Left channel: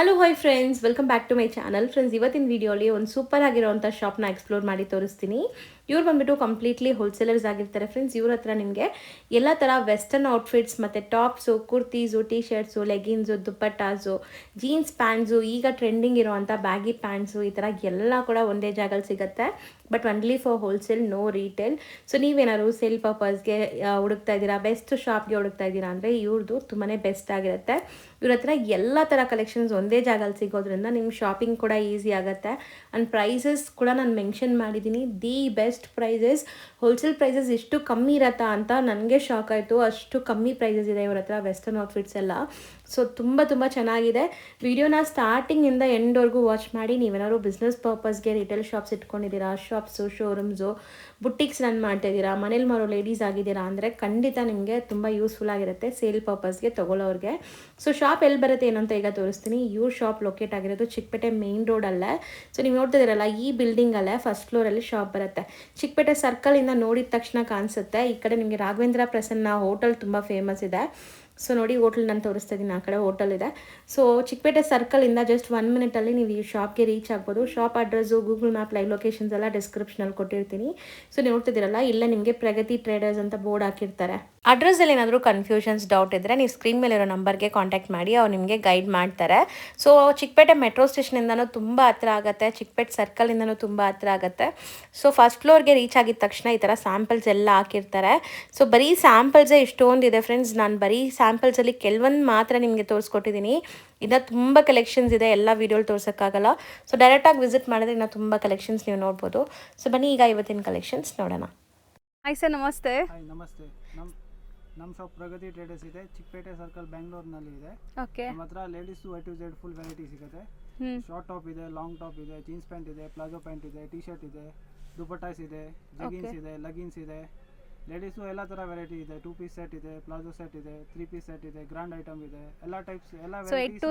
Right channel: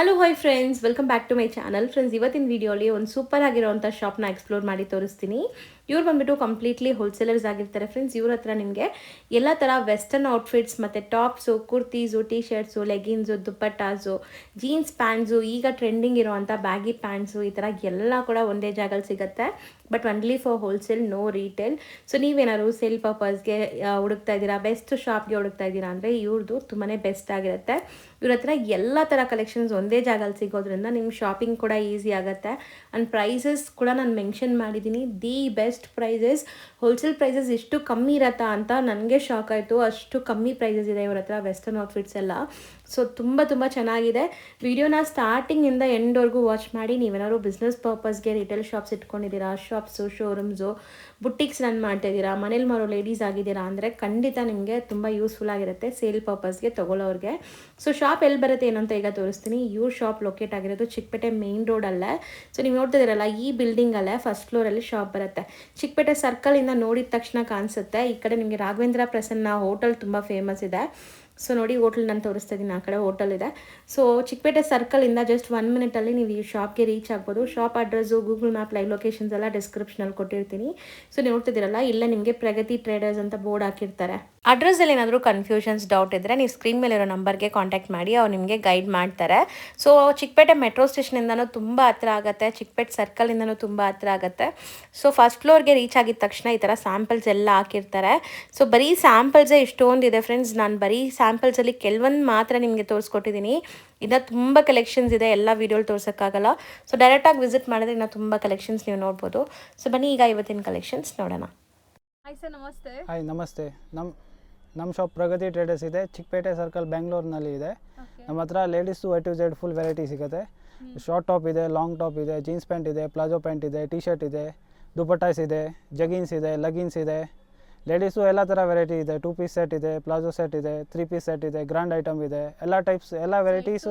Hello hi friends, welcome back to my channel. Friends, ಇವತ್ತಿನ ವಿಡಿಯೋಲಿ ಒಂದು ಸೂಪರ್ ಆಗಿರೋಂಥ ಶಾಪ್ನ ಎಕ್ಸ್ಪ್ಲೋರ್ ಮಾಡಿ ತೋರಿಸ್ತೀನಿ. ಇವ್ರು ಬಂದ್ಬಿಟ್ಟು ಕಂಪ್ಲೀಟ್ಲಿ ಹೋಲ್ಸೇಲರ್ಸ್ ಆಗಿರ್ತಾರೆ ಫ್ರೆಂಡ್ಸ್. ಇವ್ರ ಹತ್ರ ನಿಮಗೆ ಎಲ್ಲ ಥರ ವೆಸ್ಟರ್ನ್ ಔಟ್ಫಿಟ್ಸ್ ಮತ್ತು tops, kurtis, T shirts, leggings, dupattas, jeans pants, ಈಗ ಟ್ರೆಂಡಿಂಗ್ ಇರೋವಂಥ ಬ್ಯಾಗಿ ಪ್ಯಾಂಟ್ಸು, ಈ ಥರ ಎಲ್ಲ ಕೂಡ ಒಂದೇ ಜಾಗದಲ್ಲಿ ಸಿಗುತ್ತೆ. But only for wholesale, no retail. So ನೀವೇನಾದ್ರು ಸೇಲ್ ಪರ್ಪಸ್ಗೆ ಹುಡುಕ್ತಾ ಇದ್ದೀರಾ, ಬೆಸ್ಟ್ ಶಾಪ್ಗೆ ಹುಡುಕ್ತಾ ಇದ್ದೀರಾ ಅಂದರೆ ಇವ್ರದ್ದು ತುಂಬಾ ಬೆಸ್ಟ್ ಆಗಿರುತ್ತೆ. ಇವ್ರ ಹತ್ರ ಎಲ್ಲ ಥರ ಕಲೆಕ್ಷನ್ಸ್ ಒಂದೇ ಜಾಗದಲ್ಲಿ ಸಿಗೋದ್ರಿಂದ ನಿಮ್ಮ ಶಾಪಿಂಗ್ ಕೂಡ ಈಸಿ ಆಗುತ್ತೆ. ಆ್ಯಂಡ್ ಪ್ರೈಸಸ್ ಕೂಡ ನಾನು ಮೆನ್ಷನ್ ಮಾಡಿದ್ದೀನಿ, the best prices. Wholesale prices ಇಷ್ಟು ಕಮ್ಮಿ ಇರತ್ತಾ ಅಂತ ನನಗೆ ಶಾಕ್ ಆಯಿತು. ಅಷ್ಟು ಕಮ್ಮಿ ಪ್ರೈಸಸ್ ಇದೆ ಇವ್ರ ಹತ್ರ ವೆಸ್ಟರ್ನ್ ಔಟ್ಫಿಟ್ಸ್ ಎಲ್ಲ. ಸೊ ತುಂಬ ಚೆನ್ನಾಗಿದೆ. ವಿಡಿಯೋನ ಸ್ಟಾರ್ಟಿಂಗಿಂದ ಎಂಡ್ವರೆಗೂ ವಾಚ್ ಮಾಡಿ. ನೀವೇನಾದ್ರು ಬಿಸ್ನೆಸ್ ಪರ್ಪಸ್ಗೆ ರಿಟೇಲ್ ಶಾಪ್ಸ್ ಇಟ್ಕೊಂಡಿದ್ದೀರಾ, ಶಾಪ್ಸು, ಶೋರೂಮ್ಸು, ಬುಟ್ಟಿಕ್ಸ್ ರನ್ ಮಾಡ್ತಾಯಿದ್ದೀರಾ, ಮನೇಲಿ ಮಾರೋ ಲೇಡೀಸ್ ಆಗಿದ್ದೀರಾ ಅಂದರೆ ಖಂಡಿತ ನಿಮಗೆ ತುಂಬ ಯೂಸ್ಫುಲ್ ಆಗಿರುತ್ತೆ ಸೇಲ್ ಪರ್ಪಸ್ಗೆ ತೊಗೊಳ್ಳೋರಿಗೆ. ಸೊ ಶಾಪ್ ಎಲ್ಲಿ ಬರುತ್ತೆ ಏನಂತ ಈಗ ತೋರಿಸ್ತೀನಿ. ಇವ್ರ ಶಾಪ್ ಲೊಕೇಟ್ ಆಗಿರೋದು ಚಿಕ್ಕಪೇಟೆ ಮೇನ್ ರೋಡಲ್ಲೇ. ಸೊ ನೀವು ನೋಡ್ತಿದ್ದೀರಲ್ಲ, ಈ ಬಿಲ್ಡಿಂಗಲ್ಲೇ ಫಸ್ಟ್ ಫ್ಲೋರಲ್ಲಿ ಶಾಪ್ ಬರುತ್ತೆ. ಚಿಕ್ಕಪೇಟೆ ಸರ್ಕಲಿಂದ ನೋಡಿದ ತಕ್ಷಣ ಕಾಣಿಸುತ್ತೆ. ಈ ಕಡೆ ನಿಮಗೆ ರಾಘವೇಂದ್ರ ಪ್ರಸನ್ನ ಹೋಟೆಲ್ ತುಂಬ ಫೇಮಸ್ ಇದೆ. ಸೊ ನೋಡಿ, ಹೋಟೆಲ್ ನಾನು ತೋರಿಸ್ತಾ ಇದ್ದೀನಿ, ಆ ಕಡೆ ಹೋಟೆಲ್ ಇದೆ. ಸೊ ಚಿಕ್ಕಪೇಟೆ ಸರ್ಕಲಿಂದ ಜಸ್ಟ್ 1 ಮಿನಿಟಲ್ಲಿ ನೀವು ಈ ಶಾಪ್ಗೆ ರೀಚ್ ಆಗ್ಬೋದು. Shop address, Google map, live locations ಎಲ್ಲ ಡಿಸ್ಕ್ರಿಪ್ಷನಲ್ಲಿ ಕೊಟ್ಟಿರ್ತೀನಿ. ಸೊ ನೀವು ನೋಡ್ತಿದ್ದೀರಲ್ಲ, ಇಲ್ಲೇ ನಿಮಗೆ ಪ್ರಗತಿ ಟ್ರೇಡರ್ಸ್ ಅಂತ ಬೋರ್ಡ್ ಹಾಕಿರ್ತಾರೆ. ಅಡ್ರೆಸ್ಸಲ್ಲಿ ಏನಾದರೂ ಕನ್ಫ್ಯೂಷನ್ಸ್, ಡೌಟ್ ಇದ್ದರೆ ನೀವು ಸ್ಕ್ರೀನ್ ಮೇಲಿರೋ ನಂಬರ್ಗೆ ಕಾಂಟ್ಯಾಕ್ಟ್ ಮಾಡಿ, ಅವ್ರು ನಿಮಗೆ ಗೈಡ್ ಮಾಡ್ತಾರೆ. ಸೊ ಚಿಕ್ಕಪೇಟೆ ಮೆಟ್ರೋ ಸ್ಟೇಷನಿಂದನೂ ತುಂಬ ಹತ್ರ ಆಗುತ್ತೆ, ಚಿಕ್ಕಪೇಟೆ ಸರ್ಕಲಿಂದನೂ ತುಂಬ ಹತ್ರ ಆಗುತ್ತೆ. ಸೊ ಫಸ್ಟ್ ಫ್ಲೋರ್ಗೆ ರೀಚ್ ಆಗಿದ ತಕ್ಷಣ ಈ ಥರ ಸ್ಯಾಂಪಲ್ಸ್ ಎಲ್ಲ ಹಾಕಿರ್ತಾರೆ. ಸೊ ಬರೀ ಸ್ಯಾಂಪಲ್ಸೇ ಇಷ್ಟೊಂದಿದೆ ಫ್ರೆಂಡ್ಸ್. ನಾನು ಬರೀ ಸ್ಯಾಂಪಲ್ಸಲ್ಲಿ ಕೆಲವೊಂದು ಮಾತ್ರ ನಿಮಗೆ ತೋರಿಸ್ಕೊಟ್ಟಿದ್ದೀನಿ. ಇನ್ನು ತುಂಬ ಕಲೆಕ್ಷನ್ಸ್ ಇದೆ, ಎಲ್ಲ ವೀಡಿಯೋಲಿ ತೋರ್ಸೋಕ್ಕಾಗಲ್ಲ. ಸೊ ಡೈರೆಕ್ಟಾಗಿ ವಿಸಿಟ್ ಮಾಡಿದ್ರೆ ಇನ್ನೂ ತುಂಬ ಕಲೆಕ್ಷನ್ಸ್ ನೀವು ನೋಡ್ಬೋದು. ಸೊ ಬನ್ನಿ ಈಗ ಇವತ್ತಿನ ಕಲೆಕ್ಷನ್ಸ್ ನೋಡೋಣ. ಹಾಯ್ ಸರ್, ನಮಸ್ತೆ. ಹಾಯ್, ನಮಸ್ತೆ. ನಮ್ಮ ಶಾಪ್ ಪ್ರಗತಿ ಟ್ರೇಡರ್ಸ್ ಇದೆ, ಚಿಕ್ಕಪೇಟೆ ಸರ್ಕಲ್, ಬೆಂಗಳೂರಿನಲ್ಲಿ ಇದೆ. ನಮ್ಮ ಹತ್ರ ladies A to Z full variety ಸಿಗುತ್ತೆ. ಶಾರ್ಟ್ ಟಾಪ್ ಇದೆ, ಲಾಂಗ್ ಟಾಪ್ ಇದೆ, ಜೀನ್ಸ್ ಪ್ಯಾಂಟ್ ಇದೆ, ಪ್ಲಾಜೋ ಪ್ಯಾಂಟ್ ಇದೆ, ಟಿ ಶರ್ಟ್ ಇದೆ, ದುಪಟ್ಟಾಸ್ ಇದೆ, ಜಗಿನ್ಸ್ ಇದೆ, ಲೆಗಿನ್ಸ್ ಇದೆ. ಲೇಡೀಸು ಎಲ್ಲ ಥರ ವೆರೈಟಿ ಇದೆ. 2 ಪೀಸ್ ಸೆಟ್ ಇದೆ, ಪ್ಲಾಜೋ ಸೆಟ್ ಇದೆ, 3 ಪೀಸ್ ಸೆಟ್ ಇದೆ, ಗ್ರ್ಯಾಂಡ್ ಐಟಮ್ ಇದೆ. ಎಲ್ಲ ಟೈಪ್ಸ್, ಎಲ್ಲ ವೆರೈಟೀಸ್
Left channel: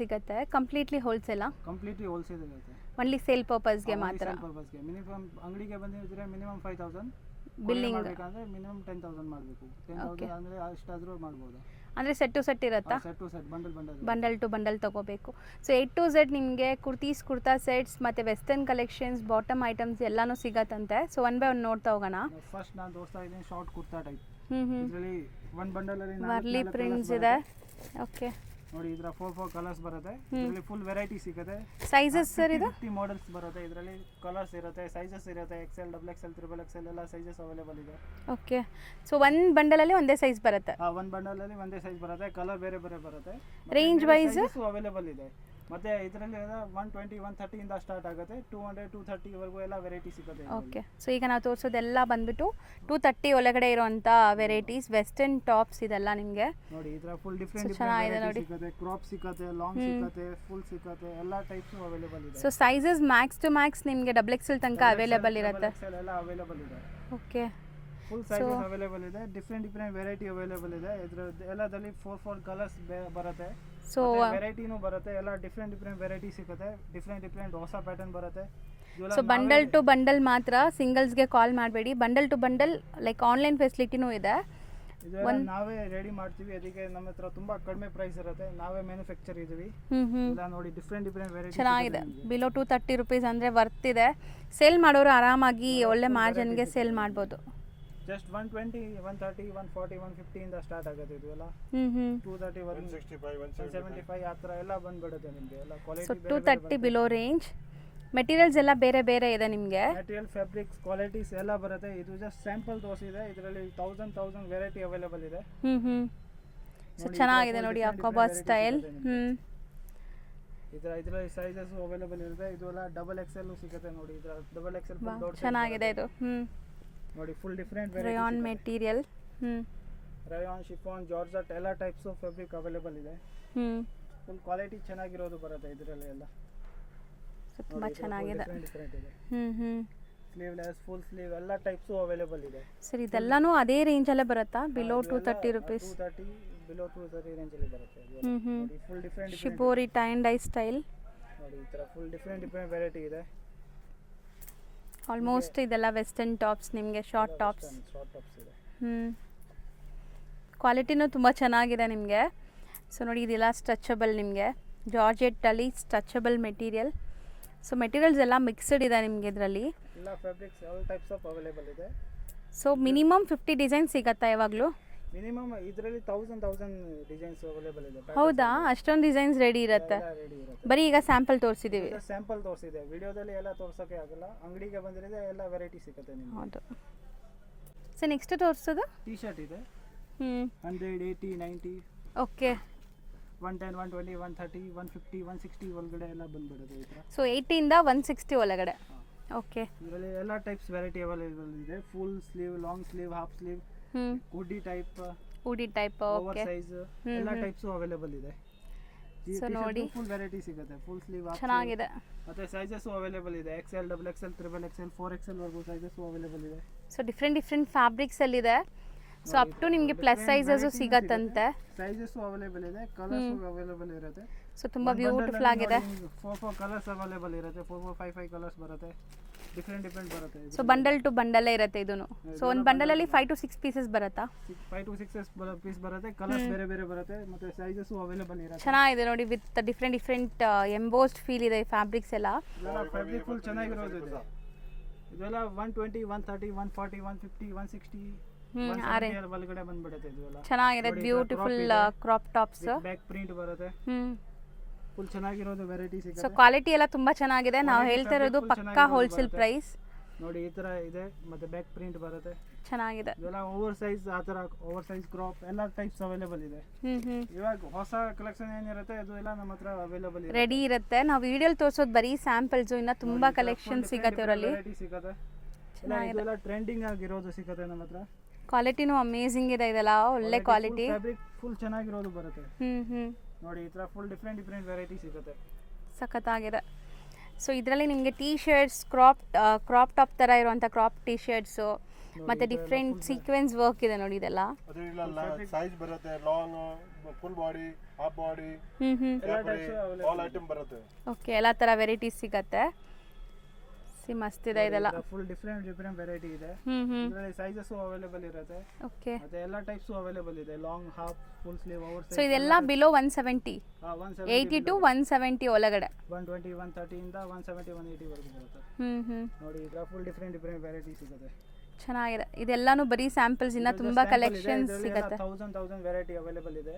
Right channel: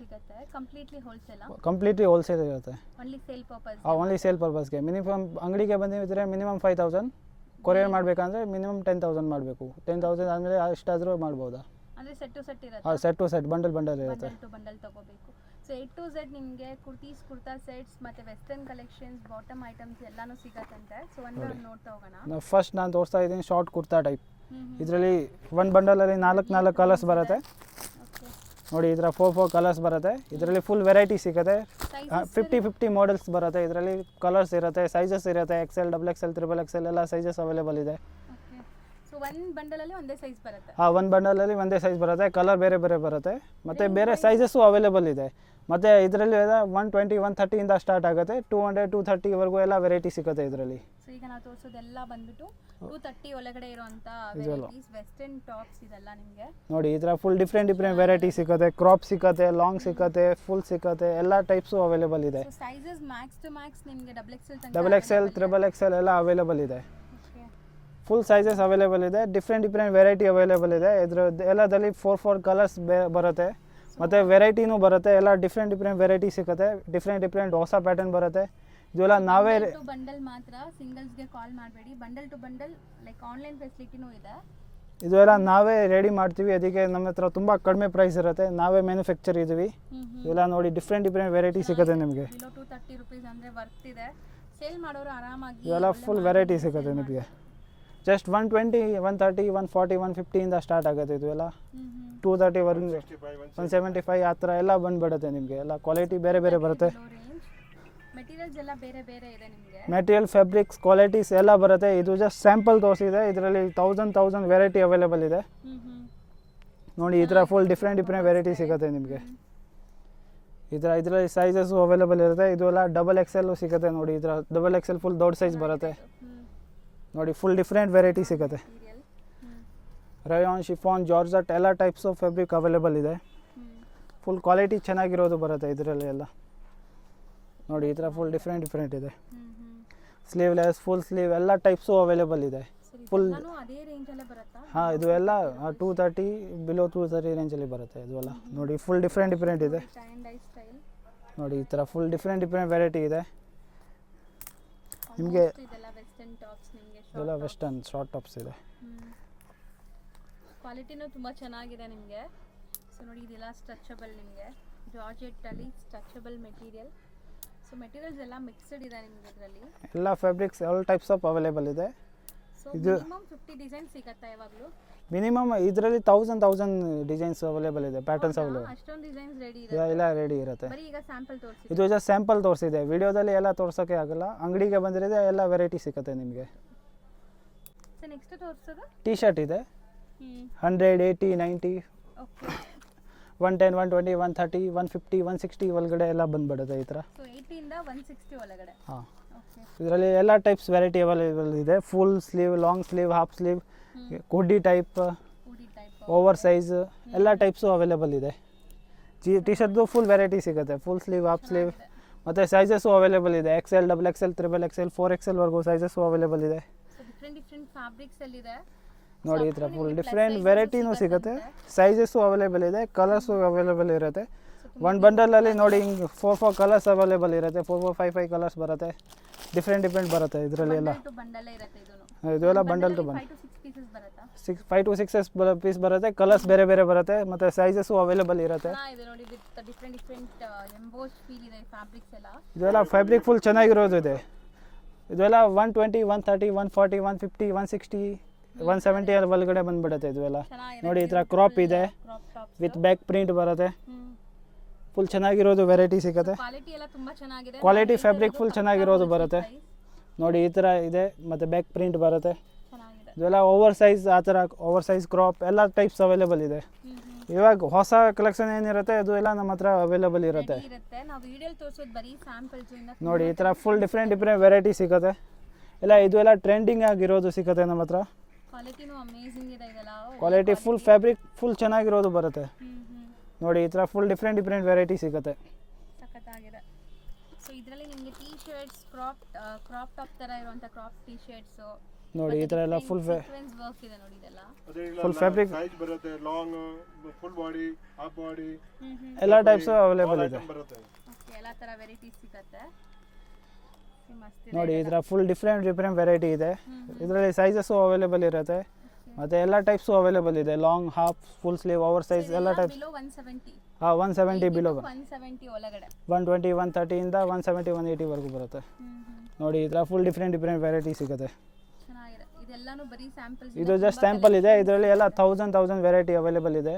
ಸಿಗುತ್ತೆ. Completely wholesale. ಕಂಪ್ಲೀಟ್ಲಿ ಹೋಲ್ಸೇಲ್ ಇರುತ್ತೆ. Only sale purpose. Only sale ಪರ್ಪಸ್ಗೆ. ಮಿನಿಮಮ್ ಅಂಗಡಿಗೆ ಬಂದಿದ್ರೆ ಮಿನಿಮಮ್ 5,000. ಕೊರಿಯರ್ ಮಾಡಬೇಕಂದ್ರೆ ಮಿನಿಮಮ್ 10,000 ಮಾಡಬೇಕು. 10,000 ಅಂದರೆ ಅಷ್ಟಾದರೂ ಮಾಡ್ಬೋದಾ? ಅಂದರೆ ಸೆಟ್ ಟು ಸೆಟ್ ಇರುತ್ತೆ. Set to set, bundle to bundle ತಗೋಬೇಕು. ಸೊ A to Z ನಿಮಗೆ ಕುರ್ತೀಸ್, ಕುರ್ತಾ ಸೆಟ್ಸ್ ಮತ್ತು ವೆಸ್ಟರ್ನ್ ಕಲೆಕ್ಷನ್ಸ್, ಬಾಟಮ್ ಐಟಮ್ಸ್ ಎಲ್ಲನೂ ಸಿಗತ್ತಂತೆ. ಸೊ ಒನ್ ಬೈ ಒನ್ ನೋಡ್ತಾ ಹೋಗೋಣ. ಫಸ್ಟ್ ನಾನು ತೋರಿಸ್ತಾ ಇದ್ದೀನಿ ಶಾರ್ಟ್ ಕುರ್ತಾ ಟೈಪ್. ಇದರಲ್ಲಿ ಒಂದು ಬಂಡಲಲ್ಲಿ 4 ಕಲರ್ಸ್ ಬರುತ್ತೆ. ಓಕೆ, ನೋಡಿ, ಇದರ 4 ಕಲರ್ಸ್ ಬರುತ್ತೆ. ಇದರಲ್ಲಿ ಫುಲ್ ವೆರೈಟಿ ಸಿಗುತ್ತೆ. ಸೈಜಸ್ 50 ಮಾಡೆಲ್ಸ್ ಬರುತ್ತೆ. ಇದರಲ್ಲಿ ಕಲರ್ಸ್ ಇರುತ್ತೆ, ಸೈಜಸ್ ಇರುತ್ತೆ. XL, XXL, XXL ಎಲ್ಲ ಸೈಜಸ್ ಅವೈಲೇಬಲ್ ಇದೆ. ಓಕೆ, ಸೊ ಒಂದು ಬಂಡಲಲ್ಲಿ ಒಂದೇ ಸೈಜ್ ಬರುತ್ತೆ. ಒಂದು ಬಂಡಲಲ್ಲಿ ಒಂದೇ ಸೈಜ್ ಬರುತ್ತೆ. ಕಲರ್ ಬೇರೆ ಬೇರೆ ಬರುತ್ತೆ, ಮತ್ತೆ ಬೇರೆ ಸೈಜಸ್ಸು ಅವೈಲೇಬಲ್ ಇದೆ. ಮತ್ತು ಇದರಲ್ಲಿ 120, 130 ಇಂದ ಸ್ಟಾರ್ಟ್ ಆಗುತ್ತೆ. 200, 230 ವರೆಗೂ ಎಲ್ಲ ವೆರೈಟಿ ಸಿಗುತ್ತೆ ಇದರಲ್ಲಿ. ಸೊ ಈಗ ನಾವು ತೋರಿಸೋದೆಲ್ಲ ಬಂದ್ಬಿಟ್ಟು 230 ಒಳಗಡೆ ಇರುವಂಥ ವೆರೈಟೀಸ್, ವೆಸ್ಟರ್ನ್ ಟಾಪ್ಸ್ ಇದೆಲ್ಲ ನಿಮಗೆ. ನೋಡಿ, ಇದರ ಫುಲ್ ಡಿಫ್ರೆಂಟ್ ವೆರೈಟಿ ಸಿಗುತ್ತೆ. ಕ್ರಾಪ್ ಸಿಗುತ್ತೆ, ಲಾಂಗ್ ಸಿಗುತ್ತೆ, ಫುಲ್ ಸಿಗುತ್ತೆ, ಎಲ್ಲ ಟೈಪ್ಸು ಅವೈಲೇಬಲ್ ಇದೆ. So sizes max to max ನಿಮಗೆ XXL ತನಕ ಅವೈಲೇಬಲ್ ಇದೆ. XXL ಎಲ್ಲ ಅವೈಲೇಬಲ್ ಇದೆ. ಓಕೆ, ಫುಲ್ ಸೈಜಸ್ ಅವೈಲೇಬಲ್ ಇದೆ. ಡಿಫ್ರೆಂಟ್ ವೆರೈಟಿ ಅವೈಲೇಬಲ್ ಇದೆ. ಇದರ ಎಲ್ಲದಲ್ಲಿ 4 ಕಲರ್ಸ್ ಬರುತ್ತೆ. ಮತ್ತೆ ವೆರೈಟಿನೂ ಬರುತ್ತೆ. ಎಲ್ಲ ಡಿಫ್ರೆಂಟ್ ವೆರೈಟಿ ಸಿಗುತ್ತೆ. ಡಿಫ್ರೆಂಟ್ ಹೊಸ ಪ್ಯಾಟರ್ನ್ ಬರುತ್ತೆ. ಇದೆಲ್ಲ ನಾವೇ ಬಂಡಲ್ ಟು ಬಂಡಲ್ ಮಾತ್ರ, ಸಿಂಗಲ್ಸ್ಗೆ ಕಾಲ್ ಮಾಡಬೇಡಿ. Bundle to bundle like online ಫೆಸಿಲಿಟಿನೂ ಇದೆ. ಇದೆಲ್ಲ ನಾವೇ ರೆಡಿ ಮಾಡ್ತೀವಿ. ಅದಕ್ಕೆ ನಮ್ಮ ಹತ್ರ ತುಂಬಾ ಕಡಿಮೆ ಪ್ರೈಸ್ ಇರುತ್ತೆ. ನಾವೇ ಮ್ಯಾನುಫ್ಯಾಕ್ಚರ್ ಇದೀವಿ. ಎಲ್ಲ ನೋಡಿ, ಡಿಫ್ರೆಂಟ್ ವೆರೈಟಿ ಸಿಗುತ್ತೆ ನಿಮಗೆ. ಬಿಲೋ 230 ರುಪೀಸ್ ಅಂದರೆ ವರ್ತ್ ಇದೆ. ಸೇಲ್ ಮಾಡೋರು ಆರಾಮಾಗಿ ಒಳ್ಳೆ ಮಾರ್ಜಿನ್ಗೆ ಸೇಲ್ ಮಾಡ್ಬೋದು. ಜಸ್ಟ್ 120, 130, 140, 150 ಇಂದ ಸ್ಟಾರ್ಟ್ ಆಗುತ್ತೆ. ಇದು ಎಲ್ಲ 230 ವರೆಗೂ, 175 ಆ ಥರ ಎಲ್ಲ ಬಂದ್ಬಿಡುತ್ತೆ ನಿಮಗೆ. ಎಲ್ಲ ಕ್ವಾಲಿಟಿ ಬೇರೆ ಬೇರೆ ಬರುತ್ತೆ. ಬಿಲೋ ರೇಂಜ್ ಮೆಟೀರಿಯಲ್ಸ್ ಎಲ್ಲ ಬೇರೆ ಬೇರೆ ಇದೆ ನಿಮಗೆ. ಮೆಟೀರಿಯಲ್, ಫ್ಯಾಬ್ರಿಕ್ಸ್, ಕ್ವಾಲಿಟೀಸ್ ಎಲ್ಲ ಬರುತ್ತೆ. ಇದು ಜಸ್ಟ್ ಸ್ಯಾಂಪಲ್ ತೋರಿಸಿದೆ. ಇದರಲ್ಲಿ 1000 ವೆರೈಟಿ ಅವೈಲೇಬಲ್ ಇದೆ. ನೋಡಿ, ಇದರ ಫುಲ್ ಡಿಫ್ರೆಂಟ್ ವೆರೈಟಿ ಸಿಗುತ್ತೆ ನಿಮಗೆ. ಇದರಲ್ಲಿ ಸೈಜಸ್ ಅವೈಲೇಬಲ್ ಇರುತ್ತೆ. ಇದು ಎಲ್ಲ XXL ಸಿಗುತ್ತೆ. ನೋಡಿ, ಇದರ XXL ಫುಲ್ ದೊಡ್ಡ ಸೈಜ್ ಬರುತ್ತೆ. ನೋಡಿ, ಫುಲ್ ಡಿಫ್ರೆಂಟ್ ವೆರೈಟಿ ಸಿಗುತ್ತೆ. ಮೆಟೀರಿಯಲ್ ರಯಾನ್, ಶಿಫಾನ್, ಜಾರ್ಜೆಟ್ ಎಲ್ಲ ಟೈಪ್ಸ್ ಆಫ್ ಫ್ಯಾಬ್ರಿಕ್ ಅವೈಲೇಬಲ್ ಇದೆ. ಫುಲ್ ಕ್ವಾಲಿಟಿ ಚೆನ್ನಾಗಿರೋದು ಬರುತ್ತೆ ಇದರಲ್ಲಿ ಎಲ್ಲ. ನೋಡಿ, ಇದರ ಫುಲ್ ಡಿಫ್ರೆಂಟ್ ಇದೆ. ಸ್ಲೀವ್ಲೆಸ್, ಫುಲ್ ಸ್ಲೀವ್ ಎಲ್ಲ ಟೈಪ್ಸು ಅವೈಲೇಬಲ್ ಇದೆ. ಸರ್, ಇದೆಲ್ಲನೂ ಅದೇ ರೇಂಜ್ ಅಲ್ಲೇ ಬರುತ್ತಾ? ಇದು ಎಲ್ಲ 230, ಬಿಲೋ 230 ರೇಂಜ್ ಅಲ್ಲಿ ಬರುತ್ತೆ. ಇದೆಲ್ಲ ನೋಡಿ, ಫುಲ್ ಡಿಫ್ರೆಂಟ್ ಇದೆ. ಟೈ ಅಂಡ್ ಡೈ ಸ್ಟೈಲ್ ನೋಡಿ, ಈ ತರ ಫುಲ್ ಡಿಫ್ರೆಂಟ್ ವೆರೈಟಿ ಇದೆ. ಆಲ್ಮೋಸ್ಟ್ ಇದೆಲ್ಲ ವೆಸ್ಟರ್ನ್ ಟಾಪ್ಸ್ ನಿಮಗೆ. ಶಾರ್ಟ್ ಟಾಪ್ಸ್ ಇದೆ. ಕ್ವಾಲಿಟಿನೂ ತುಂಬ ಚೆನ್ನಾಗಿದೆ ನಿಮಗೆ. ಸೊ ನೋಡಿ ಇದೆಲ್ಲ ಸ್ಟ್ರೆಚಬಲ್ ನಿಮಗೆ ಜಾರ್ಜೆಟ್ಟಲ್ಲಿ ಸ್ಟ್ರೆಚಬಲ್ ಮೆಟೀರಿಯಲ್. ಸೊ ಮೆಟೀರಿಯಲ್ಸ್ ಎಲ್ಲ ಮಿಕ್ಸ್ಡ್ ಇದೆ ನಿಮಗೆ ಇದರಲ್ಲಿ. ಎಲ್ಲ fabrics all types of available ಇದೆ. ಸೊ ಮಿನಿಮಮ್ 50 ಡಿಸೈನ್ ಸಿಗತ್ತಾ ಯಾವಾಗಲೂ? ಮಿನಿಮಮ್ ಇದರಲ್ಲಿ 1000 ಡಿಸೈನ್ಸ್ ಅವೈಲೇಬಲ್ ಇದೆ. ಪ್ಯಾಟರ್ನ್ಸ್ ಹೌದಾ, ಅಷ್ಟೊಂದು ಡಿಸೈನ್ಸ್ ರೆಡಿ ಇರುತ್ತೆ? ಎಲ್ಲ ರೆಡಿ ಇರುತ್ತೆ. ಬರೀ ಈಗ ಸ್ಯಾಂಪಲ್ ತೋರಿಸಿದ್ದೀವಿ. ಇದು ಜಸ್ಟ್ ಸ್ಯಾಂಪಲ್ ತೋರಿಸಿದೆ, ವಿಡಿಯೋದಲ್ಲಿ ಎಲ್ಲ ತೋರ್ಸೋಕ್ಕೆ ಆಗಲ್ಲ. ಅಂಗಡಿಗೆ ಬಂದಿರೋದೇ ಎಲ್ಲ ವೆರೈಟಿ ಸಿಗುತ್ತೆ ನಿಮಗೆ. ಸೊ ನೆಕ್ಸ್ಟ್ ತೋರಿಸೋದು ಟೀ ಶರ್ಟ್ ಇದೆ. 100, 80, 90, ಓಕೆ 110, 120, 130, 150, 160 ಒಳಗಡೆ ಎಲ್ಲ ಬಂದ್ಬಿಡುತ್ತೆ ಈ ಥರ. ಸೊ 80 ಇಂದ 160 ಒಳಗಡೆ. ಹಾಂ, ಓಕೆ. ಇದರಲ್ಲಿ ಎಲ್ಲ ಟೈಪ್ಸ್ ವೆರೈಟಿ ಅವೈಲೇಬಲ್ ಇದೆ. Full sleeve, long sleeve, half sleeve, hoodie type, over size ಎಲ್ಲ ಟೈಪ್ಸು ಅವೈಲೇಬಲ್ ಇದೆ. ಟಿ ಶರ್ಟ್ದು ಫುಲ್ ವೆರೈಟಿ ಸಿಗುತ್ತೆ. ಫುಲ್ ಸ್ಲೀವ್, ಹಾಫ್ ಸ್ಲೀವ್, ಮತ್ತು ಸೈಜಸ್ಸು ಅವೈಲೇಬಲ್ ಇದೆ. XL, XXL, XXL, 4XL ವರೆಗೂ ಸೈಜಸ್ಸು ಅವೈಲೇಬಲ್ ಇದೆ. ಸೊ ಡಿಫ್ರೆಂಟ್ ಫ್ಯಾಬ್ರಿಕ್ಸ್ ಅಲ್ಲಿ ಇದೆ. ಸೊ ನೋಡಿ, ಅಪ್ ಟು ನಿಮಗೆ ಪ್ಲಸ್ ಡಿಫ್ರೆಂಟ್ ಸೈಜಸ್ ವೆರೈಟಿ ಸಿಗುತ್ತೆ. ಸಿಗುತ್ತೆ. ಸೈಜಸ್ಸು ಅವೈಲೇಬಲ್ ಇದೆ, ಕಲರ್ಸು ಅವೈಲೇಬಲ್ ಇರುತ್ತೆ. ಸೊ ತುಂಬಾ ಒಂದು ಬಂಡಲಲ್ಲಿ ನೋಡಿ 4 ಕಲರ್ಸ್ ಅವೈಲೇಬಲ್ ಇರುತ್ತೆ. 4, 5 ಕಲರ್ಸ್ ಬರುತ್ತೆ. ಡಿಫ್ರೆಂಟ್ ಬರುತ್ತೆ ಸೊ ಇದರಲ್ಲಿ. ಬಂಡಲ್ ಟು ಬಂಡಲ್ ಇರುತ್ತೆ ಇದೂನು. ಸೊ ಒಂದು ಬಂಡಲ್ ಅಲ್ಲಿ 5 to 6 ಪೀಸಸ್ ಬರುತ್ತಾ? 5 to 6 ಪೀಸ್ ಬರುತ್ತೆ. ಕಲರ್ಸ್ ಬೇರೆ ಬರುತ್ತೆ, ಮತ್ತು ಸೈಜಸ್ಸು ಅವೈಲೇಬಲ್ ಇರುತ್ತೆ. ಚೆನ್ನಾಗಿದೆ ನೋಡಿ, ವಿತ್ ಡಿಫ್ರೆಂಟ್ ಎಂಬೋಸ್ಡ್ ಫೀಲ್ ಇದೆ ಫ್ಯಾಬ್ರಿಕ್ಸ್ ಎಲ್ಲ. ಇದೆಲ್ಲ ಫ್ಯಾಬ್ರಿಕ್ ಫುಲ್ ಚೆನ್ನಾಗಿರೋದು ಇದೆ. ಇದೆಲ್ಲ 120, 130, 140, 150, 160, 170 ಒಳಗಡೆ ಬಂದ್ಬಿಡುತ್ತೆ. ಇದೆಲ್ಲ ಚೆನ್ನಾಗಿದೆ. ನೋಡಿ, ಈ ಥರ ಕ್ರಾಪ್ ಇದೆ, crop tops with back print ಬರುತ್ತೆ. ಫುಲ್ ಚೆನ್ನಾಗಿರೋದು ವೆರೈಟಿ ಸಿಗುತ್ತೆ. ಕ್ವಾಲಿಟಿ ಎಲ್ಲ ತುಂಬಾ ಚೆನ್ನಾಗಿದೆ. ಕ್ವಾಲಿಟಿ ಫ್ಯಾಬ್ರಿಕ್ ಫುಲ್ ಚೆನ್ನಾಗಿರೋದು ಬರುತ್ತೆ. ಪ್ರೈಸ್ ನೋಡಿ ಈ ಥರ ಇದೆ, ಮತ್ತು ಬ್ಯಾಕ್ ಪ್ರಿಂಟ್ ಬರುತ್ತೆ. ಚೆನ್ನಾಗಿದೆ. ಇದೆಲ್ಲ ಓವರ್ ಸೈಜ್, ಆ ಥರ ಓವರ್ ಸೈಜ್ ಕ್ರಾಪ್ ಎಲ್ಲ ಟೈಪ್ಸ್ ಅವೈಲೇಬಲ್ ಇದೆ. ಇವಾಗ ಹೊಸ ಕಲೆಕ್ಷನ್ ಏನಿರುತ್ತೆ ಅದು ಎಲ್ಲ ನಮ್ಮ ಹತ್ರ ಅವೈಲೇಬಲ್ ಇರುತ್ತೆ, ರೆಡಿ ಇರುತ್ತೆ. ನಾವು ವಿಡಿಯೋಲಿ ತೋರಿಸೋದು ಬರೀ ಸ್ಯಾಂಪಲ್ಸ್, ಇನ್ನ ನೋಡಿ ತುಂಬಾ ಈ ಥರ ಫುಲ್ ಕಲೆಕ್ಷನ್ ಡಿಫ್ರೆಂಟ್ ವೆರೈಟಿ ಸಿಗುತ್ತೆ. ಎಲ್ಲ ಇದು ಎಲ್ಲ ಟ್ರೆಂಡಿಂಗ್ ಆಗಿರೋದು ಸಿಗುತ್ತೆ ನಮ್ಮ ಹತ್ರ. ಕ್ವಾಲಿಟಿನೂ ಅಮೇಜಿಂಗ್ ಇದೆ. ಇದೆಲ್ಲ ಒಳ್ಳೆ quality full quality. Fabric full ಚೆನ್ನಾಗಿರೋದು ಬರುತ್ತೆ. ನೋಡಿ ಈ ಥರ ಫುಲ್ ಡಿಫ್ರೆಂಟ್ ವೆರೈಟಿ ಸಿಗುತ್ತೆ. ಸಖತ್ತಾಗಿದೆ. ಸೊ ಇದರಲ್ಲಿ ನಿಮಗೆ ಟೀ ಶರ್ಟ್ಸ್, ಕ್ರಾಪ್ ಟಾಪ್ ಥರ ಇರುವಂಥ ಕ್ರಾಪ್ ಟೀ ಶರ್ಟ್ಸು, ಮತ್ತೆ ಡಿಫ್ರೆಂಟ್ ಸೀಕ್ವೆನ್ಸ್ ವರ್ಕ್ ಇದೆ ನೋಡಿ. ಇದೆಲ್ಲ ಫುಲ್ ಫ್ಯಾಬ್ರಿಕ್ ಸೈಜ್ ಬರುತ್ತೆ. Long, full body, half body ಎಲ್ಲ ಟೈಪ್ಸ್ ಅವೈಲೇಬಲ್ ಇದೆ. ಓಕೆ, ಎಲ್ಲ ಥರ ವೆರೈಟೀಸ್ ಸಿಗುತ್ತೆ. ಮಸ್ತ್ ಇದೆ ಇದೆಲ್ಲ. ಫುಲ್ ಡಿಫ್ರೆಂಟ್ ವೆರೈಟಿ ಇದೆ. ಇದರಲ್ಲಿ ಸೈಜಸ್ ಅವೈಲೇಬಲ್ ಇರುತ್ತೆ. ಓಕೆ, ಮತ್ತೆ ಎಲ್ಲ ಟೈಪ್ಸ್ ಅವೈಲೇಬಲ್ ಇದೆ. Long, half, full sleeve, over so size ಇದೆಲ್ಲ ಬಿಲೋ 170. 170 80 ಬಿಲೋ, to 170 ಒಳಗಡೆ. 120, 130 ಇಂದ 170, 180 ವರೆಗೂ ಬರುತ್ತೆ. ನೋಡಿ ಈ ಥರ ಫುಲ್ ಡಿಫ್ರೆಂಟ್ ವೆರೈಟಿ ಸಿಗುತ್ತೆ. ಚೆನ್ನಾಗಿದೆ. ಇದೆಲ್ಲಾನು ಬರೀ ಸ್ಯಾಂಪಲ್ಸ್, ಇನ್ನ ಇದು ಜಸ್ಟ್ ತುಂಬಾ ಸ್ಯಾಂಪಲ್ ಇದೆ. ಕಲೆಕ್ಷನ್ಸ್ ಇದರಲ್ಲಿ ಎಲ್ಲ 1000 ವೆರೈಟಿ ಅವೈಲೇಬಲ್ ಇದೆ.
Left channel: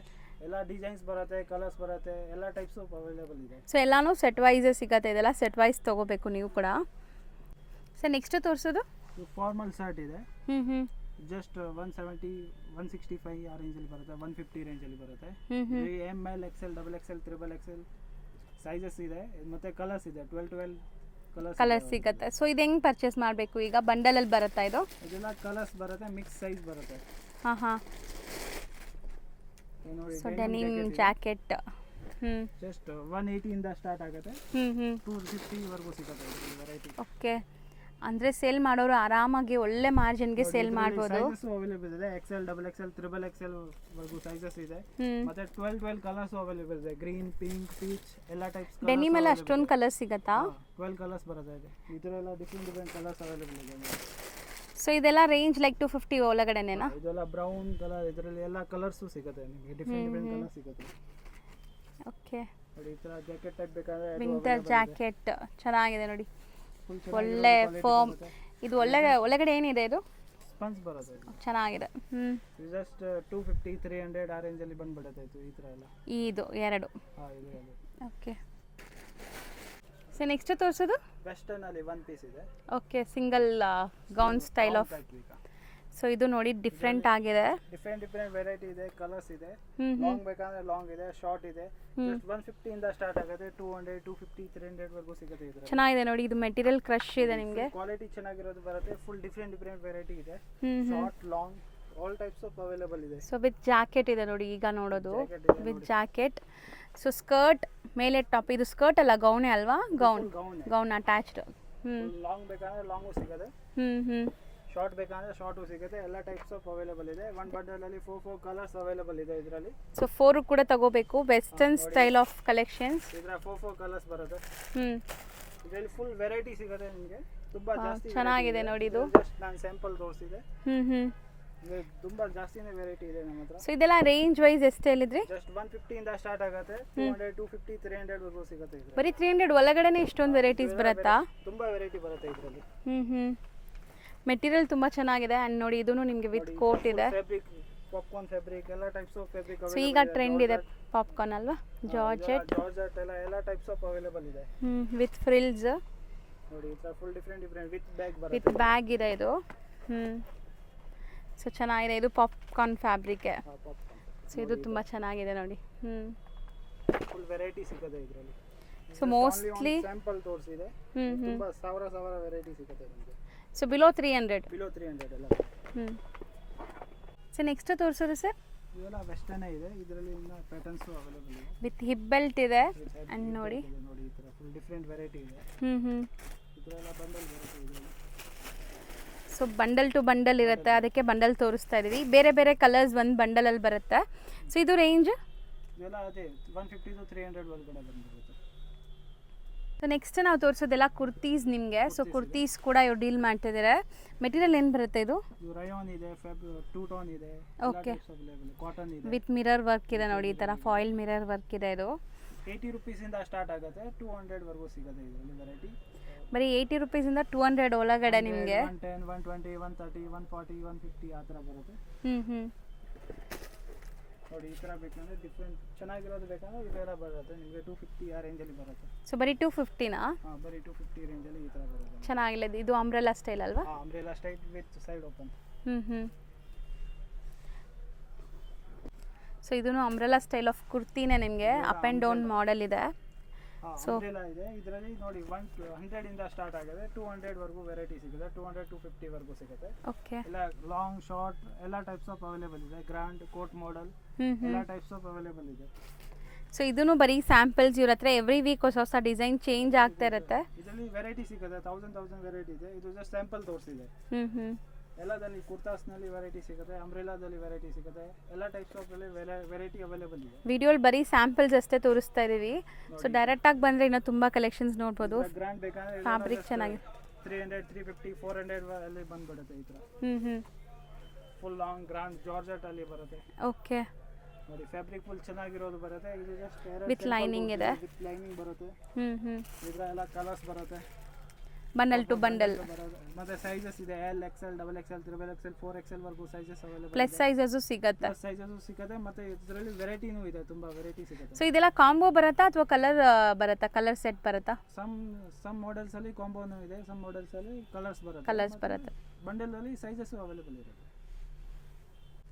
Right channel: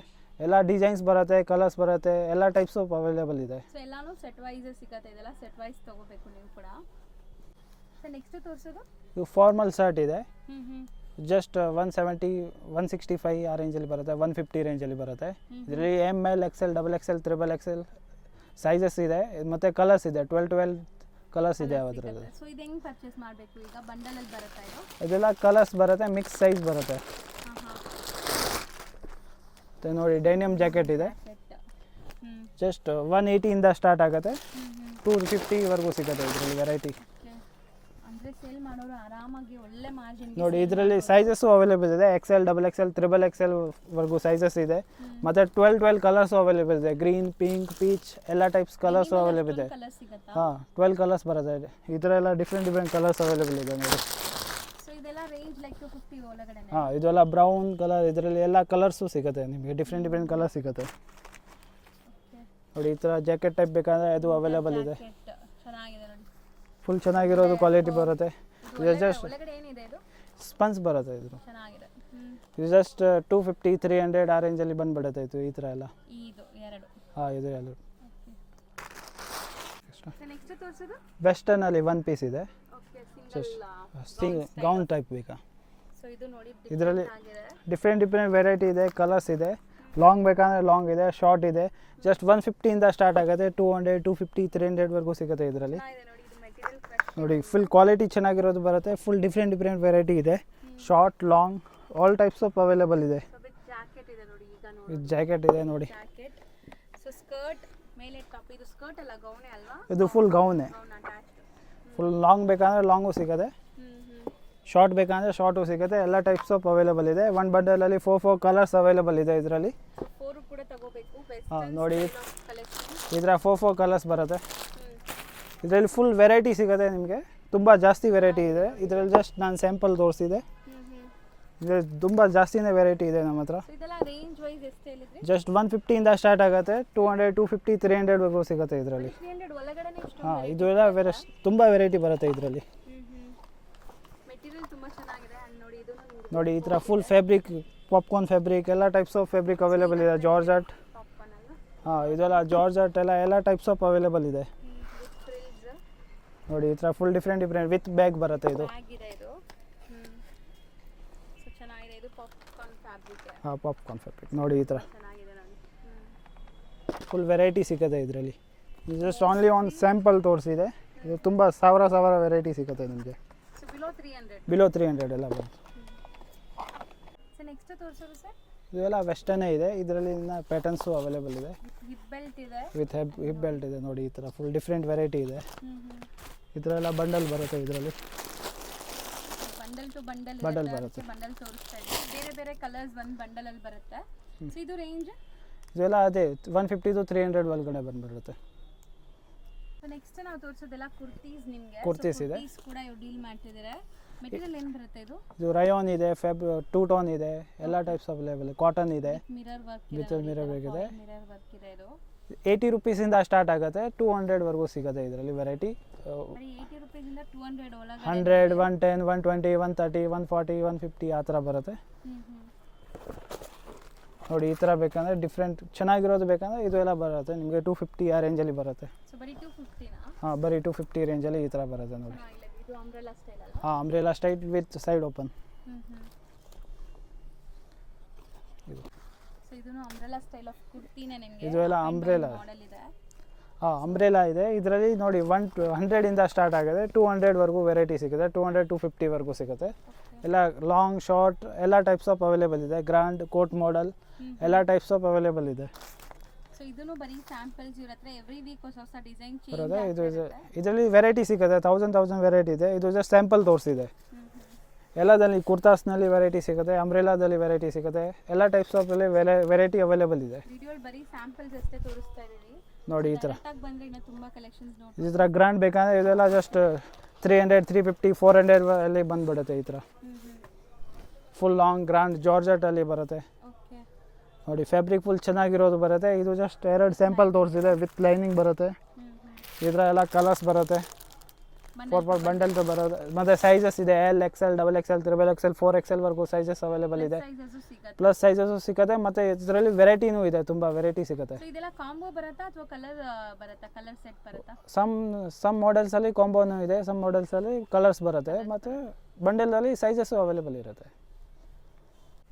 ಎಲ್ಲ ಡಿಸೈನ್ಸ್ ಬರುತ್ತೆ, ಕಲರ್ಸ್ ಬರುತ್ತೆ, ಎಲ್ಲ ಟೈಪ್ಸ್ ಆಫ್ ಅವೈಲೇಬಲ್ ಇದೆ. ಸೊ ಎಲ್ಲಾನು ಸೆಟ್ ವೈಸ್ ಸಿಗುತ್ತೆ. ಇದೆಲ್ಲ ಸೆಟ್ ವೈಸ್ ತಗೋಬೇಕು ನೀವು ಕೂಡ. ಸೊ ನೆಕ್ಸ್ಟ್ ತೋರಿಸೋದು ಇದು ಫಾರ್ಮಲ್ ಶರ್ಟ್ ಇದೆ. ಜಸ್ಟ್ 170, 165 ಆ ರೇಂಜಲ್ಲಿ ಬರುತ್ತೆ. 150 ರೇಂಜಲ್ಲಿ ಬರುತ್ತೆ. ಇದರಲ್ಲಿ ML, XL, XXL, XXL sizes ಇದೆ, ಮತ್ತು ಕಲರ್ಸ್ ಇದೆ. 12 ಕಲರ್ಸ್ ಸಿಗುತ್ತೆ. ಸೊ ಇದು ಹೆಂಗ್ ಪರ್ಚೇಸ್ ಮಾಡಬೇಕು? ಈಗ ಬಂಡಲ್ ಅಲ್ಲಿ ಬರುತ್ತಾ ಇದು? ಇದೆಲ್ಲ ಕಲರ್ಸ್ ಬರುತ್ತೆ, ಮಿಕ್ಸ್ ಸೈಜ್ ಬರುತ್ತೆ. ಹಾ ನೋಡಿ ಡೈನಿಮ್ ಜಾಕೆಟ್ ಇದೆ. ಜಸ್ಟ್ 180 ಇಂದ ಸ್ಟಾರ್ಟ್ ಆಗುತ್ತೆ, 250 ವರೆಗೂ ಸಿಗುತ್ತೆ ಇದರಲ್ಲಿ ವೆರೈಟಿ. ಓಕೆ, ಅಂದ್ರೆ ಸೇಲ್ ಮಾಡೋರು ಆರಾಮಾಗಿ ಒಳ್ಳೆ ಮಾರ್ಜಿನ್ಗೆ ನೋಡಿ ಸೇಲ್ ಇದರಲ್ಲಿ ಮಾಡಬಹುದು. ಸೈಜಸ್ ಅವೈಲೇಬಲ್ ಇದೆ. XL, XXL, XXL ವರೆಗೂ ಸೈಜಸ್ ಇದೆ. ಮತ್ತೆ 12 ಕಲರ್ಸ್ ಅವೈಲೇಬಲ್ ಇದೆ. ಗ್ರೀನ್, ಪಿಂಕ್, ಪೀಚ್ ಎಲ್ಲ ಟೈಪ್ಸ್ ಕಲರ್ಸ್ ಡೆನಿಮ್ ಅಲ್ಲಿ ಅವೈಲೇಬಲ್ ಅಷ್ಟೊಂದು ಇದೆ. ಕಲರ್ ಸಿಗುತ್ತಾ? 12 ಕಲರ್ಸ್ ಬರುತ್ತೆ. ಇದರೆಲ್ಲ ಡಿಫ್ರೆಂಟ್ ಕಲರ್ಸ್ ಅವೈಲೇಬಲ್ ಇದೆ ನೋಡಿ. ಸೊ ಇದೆಲ್ಲ ರೇಂಜ್ ಲೈಕ್ 250 ಒಳಗಡೆನೆ. ಇದೆಲ್ಲ ಬ್ರೌನ್ ಕಲರ್, ಇದರಲ್ಲಿ ಎಲ್ಲ ಕಲರ್ಸು ಸಿಗುತ್ತೆ ನಿಮಗೆ. ಡಿಫ್ರೆಂಟ್ ಕಲರ್ ಸಿಗುತ್ತೆ. ಓಕೆ, ನೋಡಿ ಈ ಥರ ಜಾಕೆಟ್ ಟೈಪ್ ಬೇಕಾದ್ರೆ ಅದು ಅವೈಲೇಬಲ್ ಇದೆ. ಜಾಕೆಟ್ ಚೆನ್ನಾಗಿದೆ ನೋಡಿ, ಫುಲ್ ಚೆನ್ನಾಗಿರೋದು ಕ್ವಾಲಿಟಿ ಬರುತ್ತೆ. ಇದು ಒಳಗಡೆ ಏನಿದೆ? ಇದು ಸ್ಪಂಜ್ ಬರುತ್ತೆ. ಇದು ಚೆನ್ನಾಗಿದೆ. ಇದು ಜಸ್ಟ್ 250, 300 ಆ ರೇಂಜಲ್ಲಿ ಬಂದ್ಬಿಡುತ್ತೆ. ಇದು ಈ ಥರ ಎಲ್ಲ ಇದು ಎರಡು. ಇದು ಎಲ್ಲ. ಓಕೆ, ಸೊ ನೆಕ್ಸ್ಟ್ ತೋರಿಸೋದು ವೆಸ್ಟರ್ನ್ ಅಲ್ಲಿ 1 ಪೀಸ್ ಇದೆ. Okay, single gown style of type ಬೇಕಾ? ಸೊ ಇದು ನೋಡಿ ಡಿಫ್ರೆಂಟ್ ಆಗಿದೆ. ಡಿಫ್ರೆಂಟ್ ವೆರೈಟಿ ಇದೆ, ಕಲರ್ಸ್ ಇದೆ. ಲಾಂಗ್ ಬೇಕಂದ್ರೆ ಲಾಂಗ್ ಇದೆ, ಶಾರ್ಟ್ ಇದೆ. ಜಸ್ಟ್ 150 ಇಂದ ಸ್ಟಾರ್ಟ್ ಆಗುತ್ತೆ. 200, 250, 300 ವರೆಗೂ ಸಿಗುತ್ತೆ ಇದರಲ್ಲಿ. ಚೆನ್ನಾಗಿದೆ ನೋಡಿ, ಇದು ಮೆಟೀರಿಯಲ್ ಕ್ರಶ್ ಇದೆ. ಫುಲ್ ಕ್ವಾಲಿಟಿ ಚೆನ್ನಾಗಿರೋದು ಬರುತ್ತೆ. ಫುಲ್ ಡಿಫ್ರೆಂಟ್ ವೆರೈಟಿ ಇದೆ. Short, long all types of available ಇದೆ. ಸೊ ವಿತ್ ಜಾಕೆಟ್ ಇದೆ ನೋಡಿ, ಈಗ ನೋಡೋದು ಜಾಕೆಟ್ ಇದೆ ನೋಡಿ. ಜಾಕೆಟ್, ಸೊ ಸ್ಕರ್ಟ್ ಮೇಲೆ ಟಾಪ್. ಇದು ಸ್ಕರ್ಟ್ ಅಲ್ಲ, ಗೌನೇ ಅಲ್ವಾ? ಇದು full gown attached. Full long ಬೇಕಂದ್ರೆ ಲಾಂಗು ಸಿಗುತ್ತೆ, ಶಾರ್ಟ್ ಬೇಕಂದ್ರೆ ಶಾರ್ಟು ಸಿಗುತ್ತೆ. ಎಲ್ಲ ಟೈಪ್ಸ್ ಆಫ್ ಅವೈಲೇಬಲ್ ಇದೆ. ಒಂದು ಬಂಡಲ್ ಅಲ್ಲಿ 4 ಕಲರ್ಸ್ ಅವೈಲೇಬಲ್ ಇದೆ ಇದರಲ್ಲಿ. ಸೊ 4 ಕೂಡ ತಗೋಬೇಕು. Western style of collection. ಇದರ 4 ಕಲರ್ಸ್ ಬರುತ್ತೆ. ಇದರಲ್ಲಿ ಫುಲ್ ವೆರೈಟಿ ಸಿಗುತ್ತೆ ನಿಮಗೆ. ತುಂಬಾ ಜಾಸ್ತಿ ವೆರೈಟಿ ಇದೆ. ಇದರಲ್ಲಿ ಜಸ್ಟ್ ನಾನು ಸ್ಯಾಂಪಲ್ ತೋರಿಸಿದೆ. ಇದು ತುಂಬ ಜಾಸ್ತಿನೇ ವೆರೈಟಿ ಇದೆ ನಮ್ಮ ಹತ್ರ. ಸೊ ಇದೆಲ್ಲ ರೇಂಜ್ ವೈಸ್ ಎಷ್ಟು ಹೇಳಿದ್ರಿ? ಜಸ್ಟ್ 150 ಸ್ಟಾರ್ಟ್ ಆಗುತ್ತೆ, 200, 250, 300 ವರೆಗೂ ಸಿಗುತ್ತೆ ಇದರಲ್ಲಿ. ಬರೀ 300 ಒಳಗಡೆನೆ ಇಷ್ಟೊಂದು ವೆರೈಟೀಸ್ ಬರುತ್ತಾ? ತುಂಬ ವೆರೈಟಿ ಬರುತ್ತೆ ಇದರಲ್ಲಿ. ಮೆಟೀರಿಯಲ್ ತುಂಬಾ ಚೆನ್ನಾಗಿದೆ. ಅಂಡ್ ನೋಡಿ ಇದೂನು ನಿಮಗೆ ನೋಡಿ ವಿತ್ ಈ ಥರ ಕೋಟ್ ಫುಲ್ ಇದೆ. ಫ್ಯಾಬ್ರಿಕ್, ಪಾಪ್ಕಾರ್ನ್ ಫ್ಯಾಬ್ರಿಕ್, ಎಲ್ಲ ಟೈಪ್ಸ್ ಆಫ್ ಫ್ಯಾಬ್ರಿಕ್ ಅವೈಲೇಬಲ್ ಇದೆ. ಜಾರ್ಜೆಟ್ ಪಾಪ್ಕಾರ್ನ್ ಅಲ್ವಾ? ಇದೆಲ್ಲ ಜಾರ್ಜೆಟ್ ಎಲ್ಲ ಟೈಪ್ಸ್ ಆಫ್ ಅವೈಲೇಬಲ್ ಇದೆ. With frills. ನೋಡಿ ಈ ಥರ ಫುಲ್ ಡಿಫ್ರೆಂಟ್ ವಿತ್ ಬ್ಯಾಗ್ ಬರುತ್ತೆ. ವಿತ್ ಬ್ಯಾಗ್ ಇದೆ ಇದು. ಸೊ ಚೆನ್ನಾಗಿದೆ. ಇದು ಪಾಪ್ಕಾರ್ನ್ ಫ್ಯಾಬ್ರಿಕ್. ಪಾಪ್ಕಾರ್ನ್ ಫ್ಯಾಬ್ರಿಕ್ ನೋಡಿ ಈ ಥರ ತುಂಬಾ ಚೆನ್ನಾಗಿದೆ ನೋಡಿ. ಫುಲ್ ವೆರೈಟಿ ಸಿಗುತ್ತೆ ಇದರಲ್ಲಿ. ಜಸ್ಟ್ ಓನ್ಲಿ ಆನ್ ಸ್ಯಾಂಪಲ್ ತೋರಿಸಿದೆ. ತುಂಬ ಸಾವಿರ ವೆರೈಟಿ ಸಿಗುತ್ತೆ ನಿಮಗೆ. So below 300. ಬಿಲೋ 300 ಎಲ್ಲ ಬರುತ್ತೆ. ಸೊ ನೆಕ್ಸ್ಟ್ ತೋರಿಸೋದು ಸರ್? ಇದೆಲ್ಲ ವೆಸ್ಟರ್ನೇ ಇದೆ. ಇದರಲ್ಲಿ ಇನ್ನು ಪ್ಯಾಟರ್ನ್ಸು ಅವೈಲೇಬಲ್ ಇದೆ. ವಿತ್ ಹಿಪ್ ಬೆಲ್ಟ್ ಇದೆ. ವಿತ್ ಹಿಪ್ ಬೆಲ್ಟ್ ಇದೆ. ನೋಡಿ ಈ ಥರ ಫುಲ್ ಡಿಫ್ರೆಂಟ್ ವೆರೈಟಿ ಇದೆ. ಈ ಥರ ಎಲ್ಲ ಬಂಡಲ್ ಬರುತ್ತೆ ಇದರಲ್ಲಿ. ಸೊ ಬಂಡಲ್ ಟು ಬಂಡಲ್ ಇರುತ್ತೆ, ಅದಕ್ಕೆ ಬಂಡಲ್ ತೋರಿಸ್ತಾ ಇದೀವಿ. ಬೇರೆ ಬೇರೆ ಕಲರ್ಸ್ ಒಂದು ಬಂಡಲಲ್ಲಿ ಬರುತ್ತೆ. ಸೊ ಇದು ರೇಂಜ್? ಇದೆಲ್ಲ ಅದೇ 150 to 300 ಒಳಗಡೆ ಬಂದ್ಬಿಡುತ್ತೆ. ಸೊ ನೆಕ್ಸ್ಟ್ ನಾವು ತೋರಿಸೋದೆಲ್ಲ ಕುರ್ತೀಸ್ ನಿಮಗೆ. ಸೊ ಕುರ್ತೀಸ್ ಕೂಡ ಇವ್ರು ಡೀಲ್ ಮಾಡ್ತಿದ್ದಾರೆ. ಮೆಟೀರಿಯಲ್ ಏನು ಬರುತ್ತೆ ಇದು? ಇದು ರಯಾನ್ ಇದೆ, ಟೂ ಟೋನ್ ಇದೆ, ಎಲ್ಲ ಟೈಪ್ಸ್ ಅವೈಲೇಬಲ್. ಕಾಟನ್ ಇದೆ ವಿತ್ ಮಿರರ್ ವರ್ಕ್ ಇದೆ ನೋಡಿ, ಈ ತರ ಫಾಯಿಲ್ ಮಿರರ್ ವರ್ಕ್ ಇದೆ. ಇದು 80 ರೂಪೀಸಿಂದ ಸ್ಟಾರ್ಟ್ ಆಗುತ್ತೆ, 200 ವರೆಗೂ ಸಿಗುತ್ತೆ ಇದರಲ್ಲಿ ವೆರೈಟಿ. ಬರೀ 80 ರೂಪೀಸಿಂದ 200 ಒಳಗಡೆ 100, 110, 120, 130, 140, 150 ಆ ಥರ ಬರುತ್ತೆ. ನೋಡಿ ಈ ಥರ ಬೇಕಂದ್ರೆ ಡಿಫ್ರೆಂಟ್ ಚೆನ್ನಾಗಿರೋದು ಬೇಕಂದ್ರೆ ಇದು ಎಲ್ಲ ಬರುತ್ತೆ ನಿಮಗೆ 250 ಆ ರೇಂಜಲ್ಲಿ ಬರುತ್ತೆ. ಸೊ ಬರೀ 250ನಾ? ಹಾಂ, ಬರೀ 250 ರೇಂಜಲ್ಲಿ ಈ ಥರ ಬರುತ್ತೆ. ಚೆನ್ನಾಗಿಲ್ಲ. ಇದು ಅಂಬ್ರೆಲಾ ಸ್ಟೈಲ್ ಅಲ್ವಾ? ಹಾಂ, umbrella style with side open. So ಇದೂನು ಅಂಬ್ರೆಲಾ ಸ್ಟೈಲ್ ಆಫ್ ಕುರ್ತಿನೇ ನಿಮಗೆ. ಅಪ್ ಆ್ಯಂಡ್ ಡೌನ್ ಮಾಡೆಲ್ ಇದೆ. ಹಾಂ, ಅಂಬ್ರೆಲಾ ಇದೆ. ಇದರಲ್ಲಿ ನೋಡಿ 100 ಸ್ಟಾರ್ಟ್ ಆಗಿದೆ, 200 ವರೆಗೂ ವೆರೈಟಿ ಸಿಗುತ್ತೆ, 200, 250 ವರೆಗೂ ಸಿಗುತ್ತೆ. ಎಲ್ಲ ಲಾಂಗ್ ಶಾರ್ಟ್ ಎಲ್ಲ ಟೈಪ್ಸ್ ಆಫ್ ಅವೈಲೇಬಲ್ ಇದೆ. ಗ್ರ್ಯಾಂಡ್ ಕೋಟ್ ಮಾಡೆಲ್ ಎಲ್ಲ ಟೈಪ್ಸ್ ಆಫ್ ಅವೈಲೇಬಲ್ ಇದೆ. ಸೊ ಇದೂನು ಬರೀ ಸ್ಯಾಂಪಲ್ಸ್. ಇವ್ರ ಹತ್ರ ಎವ್ರಿ ವೀಕ್ ಹೊಸ ಡಿಸೈನ್ ಚೇಂಜ್ ಆಗ್ತಾ ಇರುತ್ತೆ. ಇದರಲ್ಲಿ ವೆರೈಟಿ ಸಿಗುತ್ತೆ, 1000 ವೆರೈಟಿ ಇದೆ. ಇದು ಜಸ್ಟ್ ಸ್ಯಾಂಪಲ್ ತೋರಿಸಿದೆ. ಎಲ್ಲದಲ್ಲಿ ಕುರ್ತಾಸ್ನಲ್ಲಿ ವೆರೈಟಿ ಸಿಗುತ್ತೆ, ಅಂಬ್ರೆಲಾದಲ್ಲಿ ವೆರೈಟಿ ಸಿಗುತ್ತೆ, ಎಲ್ಲ ಟೈಪ್ಸ್ ಆಫ್ ವೆರೈಟಿ ಅವೈಲೇಬಲ್ ಇದೆ. ವಿಡಿಯೋಲಿ ಬರೀ ಸ್ಯಾಂಪಲ್ಸ್ ಅಷ್ಟೇ ತೋರಿಸ್ತಾ ಇದೀವಿ. ನೋಡಿ ಡೈರೆಕ್ಟ್ ಆಗಿ ಬಂದ್ರೆ ಇನ್ನೂ ತುಂಬಾ ಕಲೆಕ್ಷನ್ಸ್ ನೋಡಬಹುದು. ಇದರ ಗ್ರ್ಯಾಂಡ್ ಬೇಕಂದ್ರೆ ಇದೆಲ್ಲ ಜಸ್ಟ್ 300, 350, 400 ಅಲ್ಲಿ ಬಂದ್ಬಿಡುತ್ತೆ. ಈ ಥರ ಫುಲ್ ಲಾಂಗ್ ಗ್ರ್ಯಾಂಡ್ ಜಾರ್ಜೆಟ್ ಅಲ್ಲಿ ಬರುತ್ತೆ. ಓಕೆ, ನೋಡಿ ಫ್ಯಾಬ್ರಿಕ್ ಫುಲ್ ಚೆನ್ನಾಗಿರೋದು ಬರುತ್ತೆ. ಇದು ಜಸ್ಟ್ 2 ಸ್ಯಾಂಪಲ್ ತೋರಿಸಿದೆ. ವಿತ್ ಲೈನಿಂಗ್ ಬರುತ್ತೆ. ಇದರ ಎಲ್ಲ ಕಲರ್ಸ್ ಬರುತ್ತೆ. ಬಂಡಲ್ ಬರುತ್ತೆ. ಮತ್ತೆ ಸೈಜಸ್ ಇದೆ, L, XL, XXL, XXL, 4XL ವರೆಗೂ ಸೈಜಸ್ ಅವೈಲೇಬಲ್ ಇದೆ. ಪ್ಲಸ್ ಸೈಜಸ್ ಸಿಗುತ್ತೆ. ಮತ್ತೆ ಇದರಲ್ಲಿ ವೆರೈಟಿನೂ ಇದೆ, ತುಂಬಾ ವೆರೈಟಿ ಸಿಗುತ್ತೆ. ಸೊ ಇದೆಲ್ಲ ಕಾಂಬೋ ಬರುತ್ತಾ ಅಥವಾ ಕಲರ್ ಬರುತ್ತಾ? ಕಲರ್ ಸೆಟ್ ಬರುತ್ತಾ? ಸಮ್ ಮಾಡೆಲ್ಸ್ ಅಲ್ಲಿ ಕಾಂಬೋನೂ ಇದೆ, ಸಮ್ ಮಾಡೆಲ್ಸ್ ಅಲ್ಲಿ ಕಲರ್ಸ್ ಬರುತ್ತೆ. ಮತ್ತೆ ಬಂಡಲ್ ಅಲ್ಲಿ ಸೈಜಸ್ ಅವೈಲೇಬಲ್ ಇರುತ್ತೆ.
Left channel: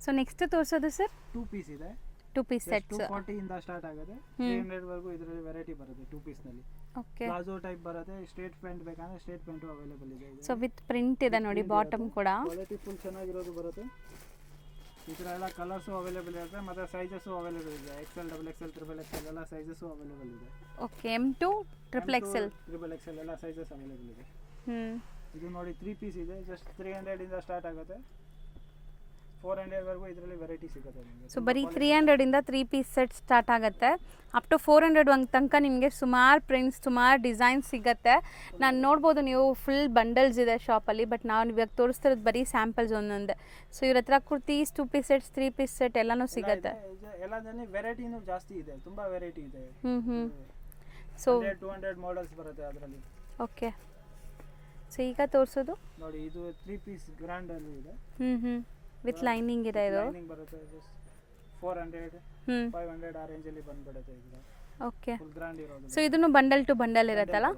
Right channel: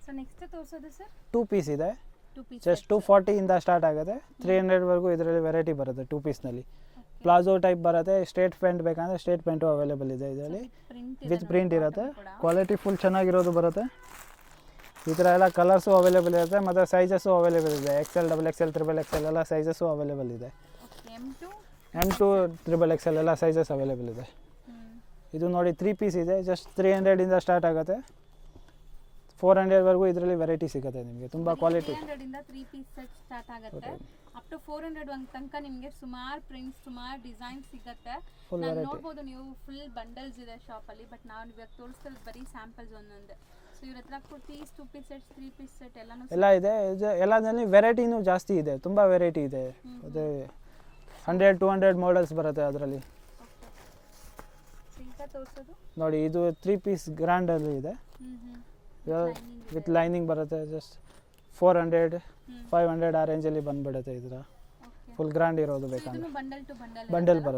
ಸೊ ನೆಕ್ಸ್ಟ್ ತೋರಿಸೋದು ಸರ್? 2 ಪೀಸ್ ಇದೆ. 2 ಪೀಸ್ ಜಸ್ಟ್ 240 ಇಂದ ಸ್ಟಾರ್ಟ್ ಆಗುತ್ತೆ, 300 ವರೆಗೂ ಇದರಲ್ಲಿ ವೆರೈಟಿ ಬರುತ್ತೆ. 2 ಪೀಸ್ ನಲ್ಲಿ ಪ್ಲಾಜೋ ಟೈಪ್ ಬರುತ್ತೆ. ಸ್ಟ್ರೇಟ್ ಪ್ಯಾಂಟ್ ಬೇಕಂದ್ರೆ ಸ್ಟ್ರೇಟ್ ಪ್ಯಾಂಟು ಅವೈಲೇಬಲ್ ಇದೆ. ಸೊ ವಿತ್ ಪ್ರಿಂಟ್ ಇದೆ ನೋಡಿ, ಬಾಟಮ್ ಕೂಡ ಕ್ವಾಲಿಟಿ ಫುಲ್ ಚೆನ್ನಾಗಿರೋದು ಬರುತ್ತೆ. ಈ ಥರ ಎಲ್ಲ ಕಲರ್ಸು ಅವೈಲೇಬಲ್ ಇರುತ್ತೆ. ಮತ್ತು ಸೈಜಸ್ಸು ಅವೈಲೇಬಲ್ ಇದೆ. XL, XXL, XXL ಎಲ್ಲ ಸೈಜಸ್ಸು ಅವೈಲೇಬಲ್ ಇದೆ. ಓಕೆ, M2, XXL ಎಲ್ಲ ಸೈಜಸ್ ಅವೈಲೇಬಲ್ ಇದೆ. ಇದು ನೋಡಿ 3 ಪೀಸ್ ಇದೆ. ಜಸ್ಟ್ 300 ಇಂದ ಸ್ಟಾರ್ಟ್ ಆಗುತ್ತೆ, 400 ವರೆಗೂ ಇದರಲ್ಲಿ ವೆರೈಟಿ ಸಿಗುತ್ತೆ ನಿಮಗೆ. ಸೊ ಬರೀ 300 ಇಂದ 3 ಪೀಸ್ ಸೆಟ್ ಸ್ಟಾರ್ಟ್ ಆಗುತ್ತೆ. ಅಪ್ ಟು 400 ತನಕ ನಿಮಗೆ ಸುಮಾರು ಪ್ರಿಂಟ್ಸ್, ಸುಮಾರು ಡಿಸೈನ್ಸ್ ಸಿಗುತ್ತೆ. ನಾನು ನೋಡ್ಬೋದು, ನೀವು ಫುಲ್ ಬಂಡಲ್ಸ್ ಇದೆ ಶಾಪಲ್ಲಿ. ಬಟ್ ನಾವು ಇವಾಗ ತೋರಿಸ್ತಿರೋದು ಬರೀ ಸ್ಯಾಂಪಲ್ಸ್ ಒಂದೊಂದೇ. ಸೊ ಇವ್ರ ಹತ್ರ kurtis, 2 piece sets, 3 piece set ಎಲ್ಲನೂ ಸಿಗುತ್ತೆ. ಎಲ್ಲದಲ್ಲಿ ವೆರೈಟಿನೂ ಜಾಸ್ತಿ ಇದೆ, ತುಂಬಾ ವೆರೈಟಿ ಇದೆ. 100, 200 ಮಾಡೆಲ್ಸ್ ಬರುತ್ತೆ ಅದರಲ್ಲಿ. ಓಕೆ, ಸೊ ಈಗ ತೋರಿಸೋದು ನೋಡಿ ಇದು 3 ಪೀಸ್ ಗ್ರ್ಯಾಂಡ್ ಅಲ್ಲಿ ಇದೆ. ವಿತ್ ಲೈನಿಂಗ್ ಇದೆ. ಲೈನಿಂಗ್ ಬರುತ್ತೆ. ಜಸ್ಟ್ 400, 500 ಆ ರೇಂಜ್ ಅಲ್ಲಿ ಬಂದ್ಬಿಡುತ್ತೆ. ಇದರ ಓಕೆ, ಫುಲ್ ಗ್ರ್ಯಾಂಡ್ ಇರೋದು. ಸೊ ಇದನ್ನು ಬಂಡಲ್ ಟು ಬಂಡಲ್ ಇರುತ್ತಲ್ಲ.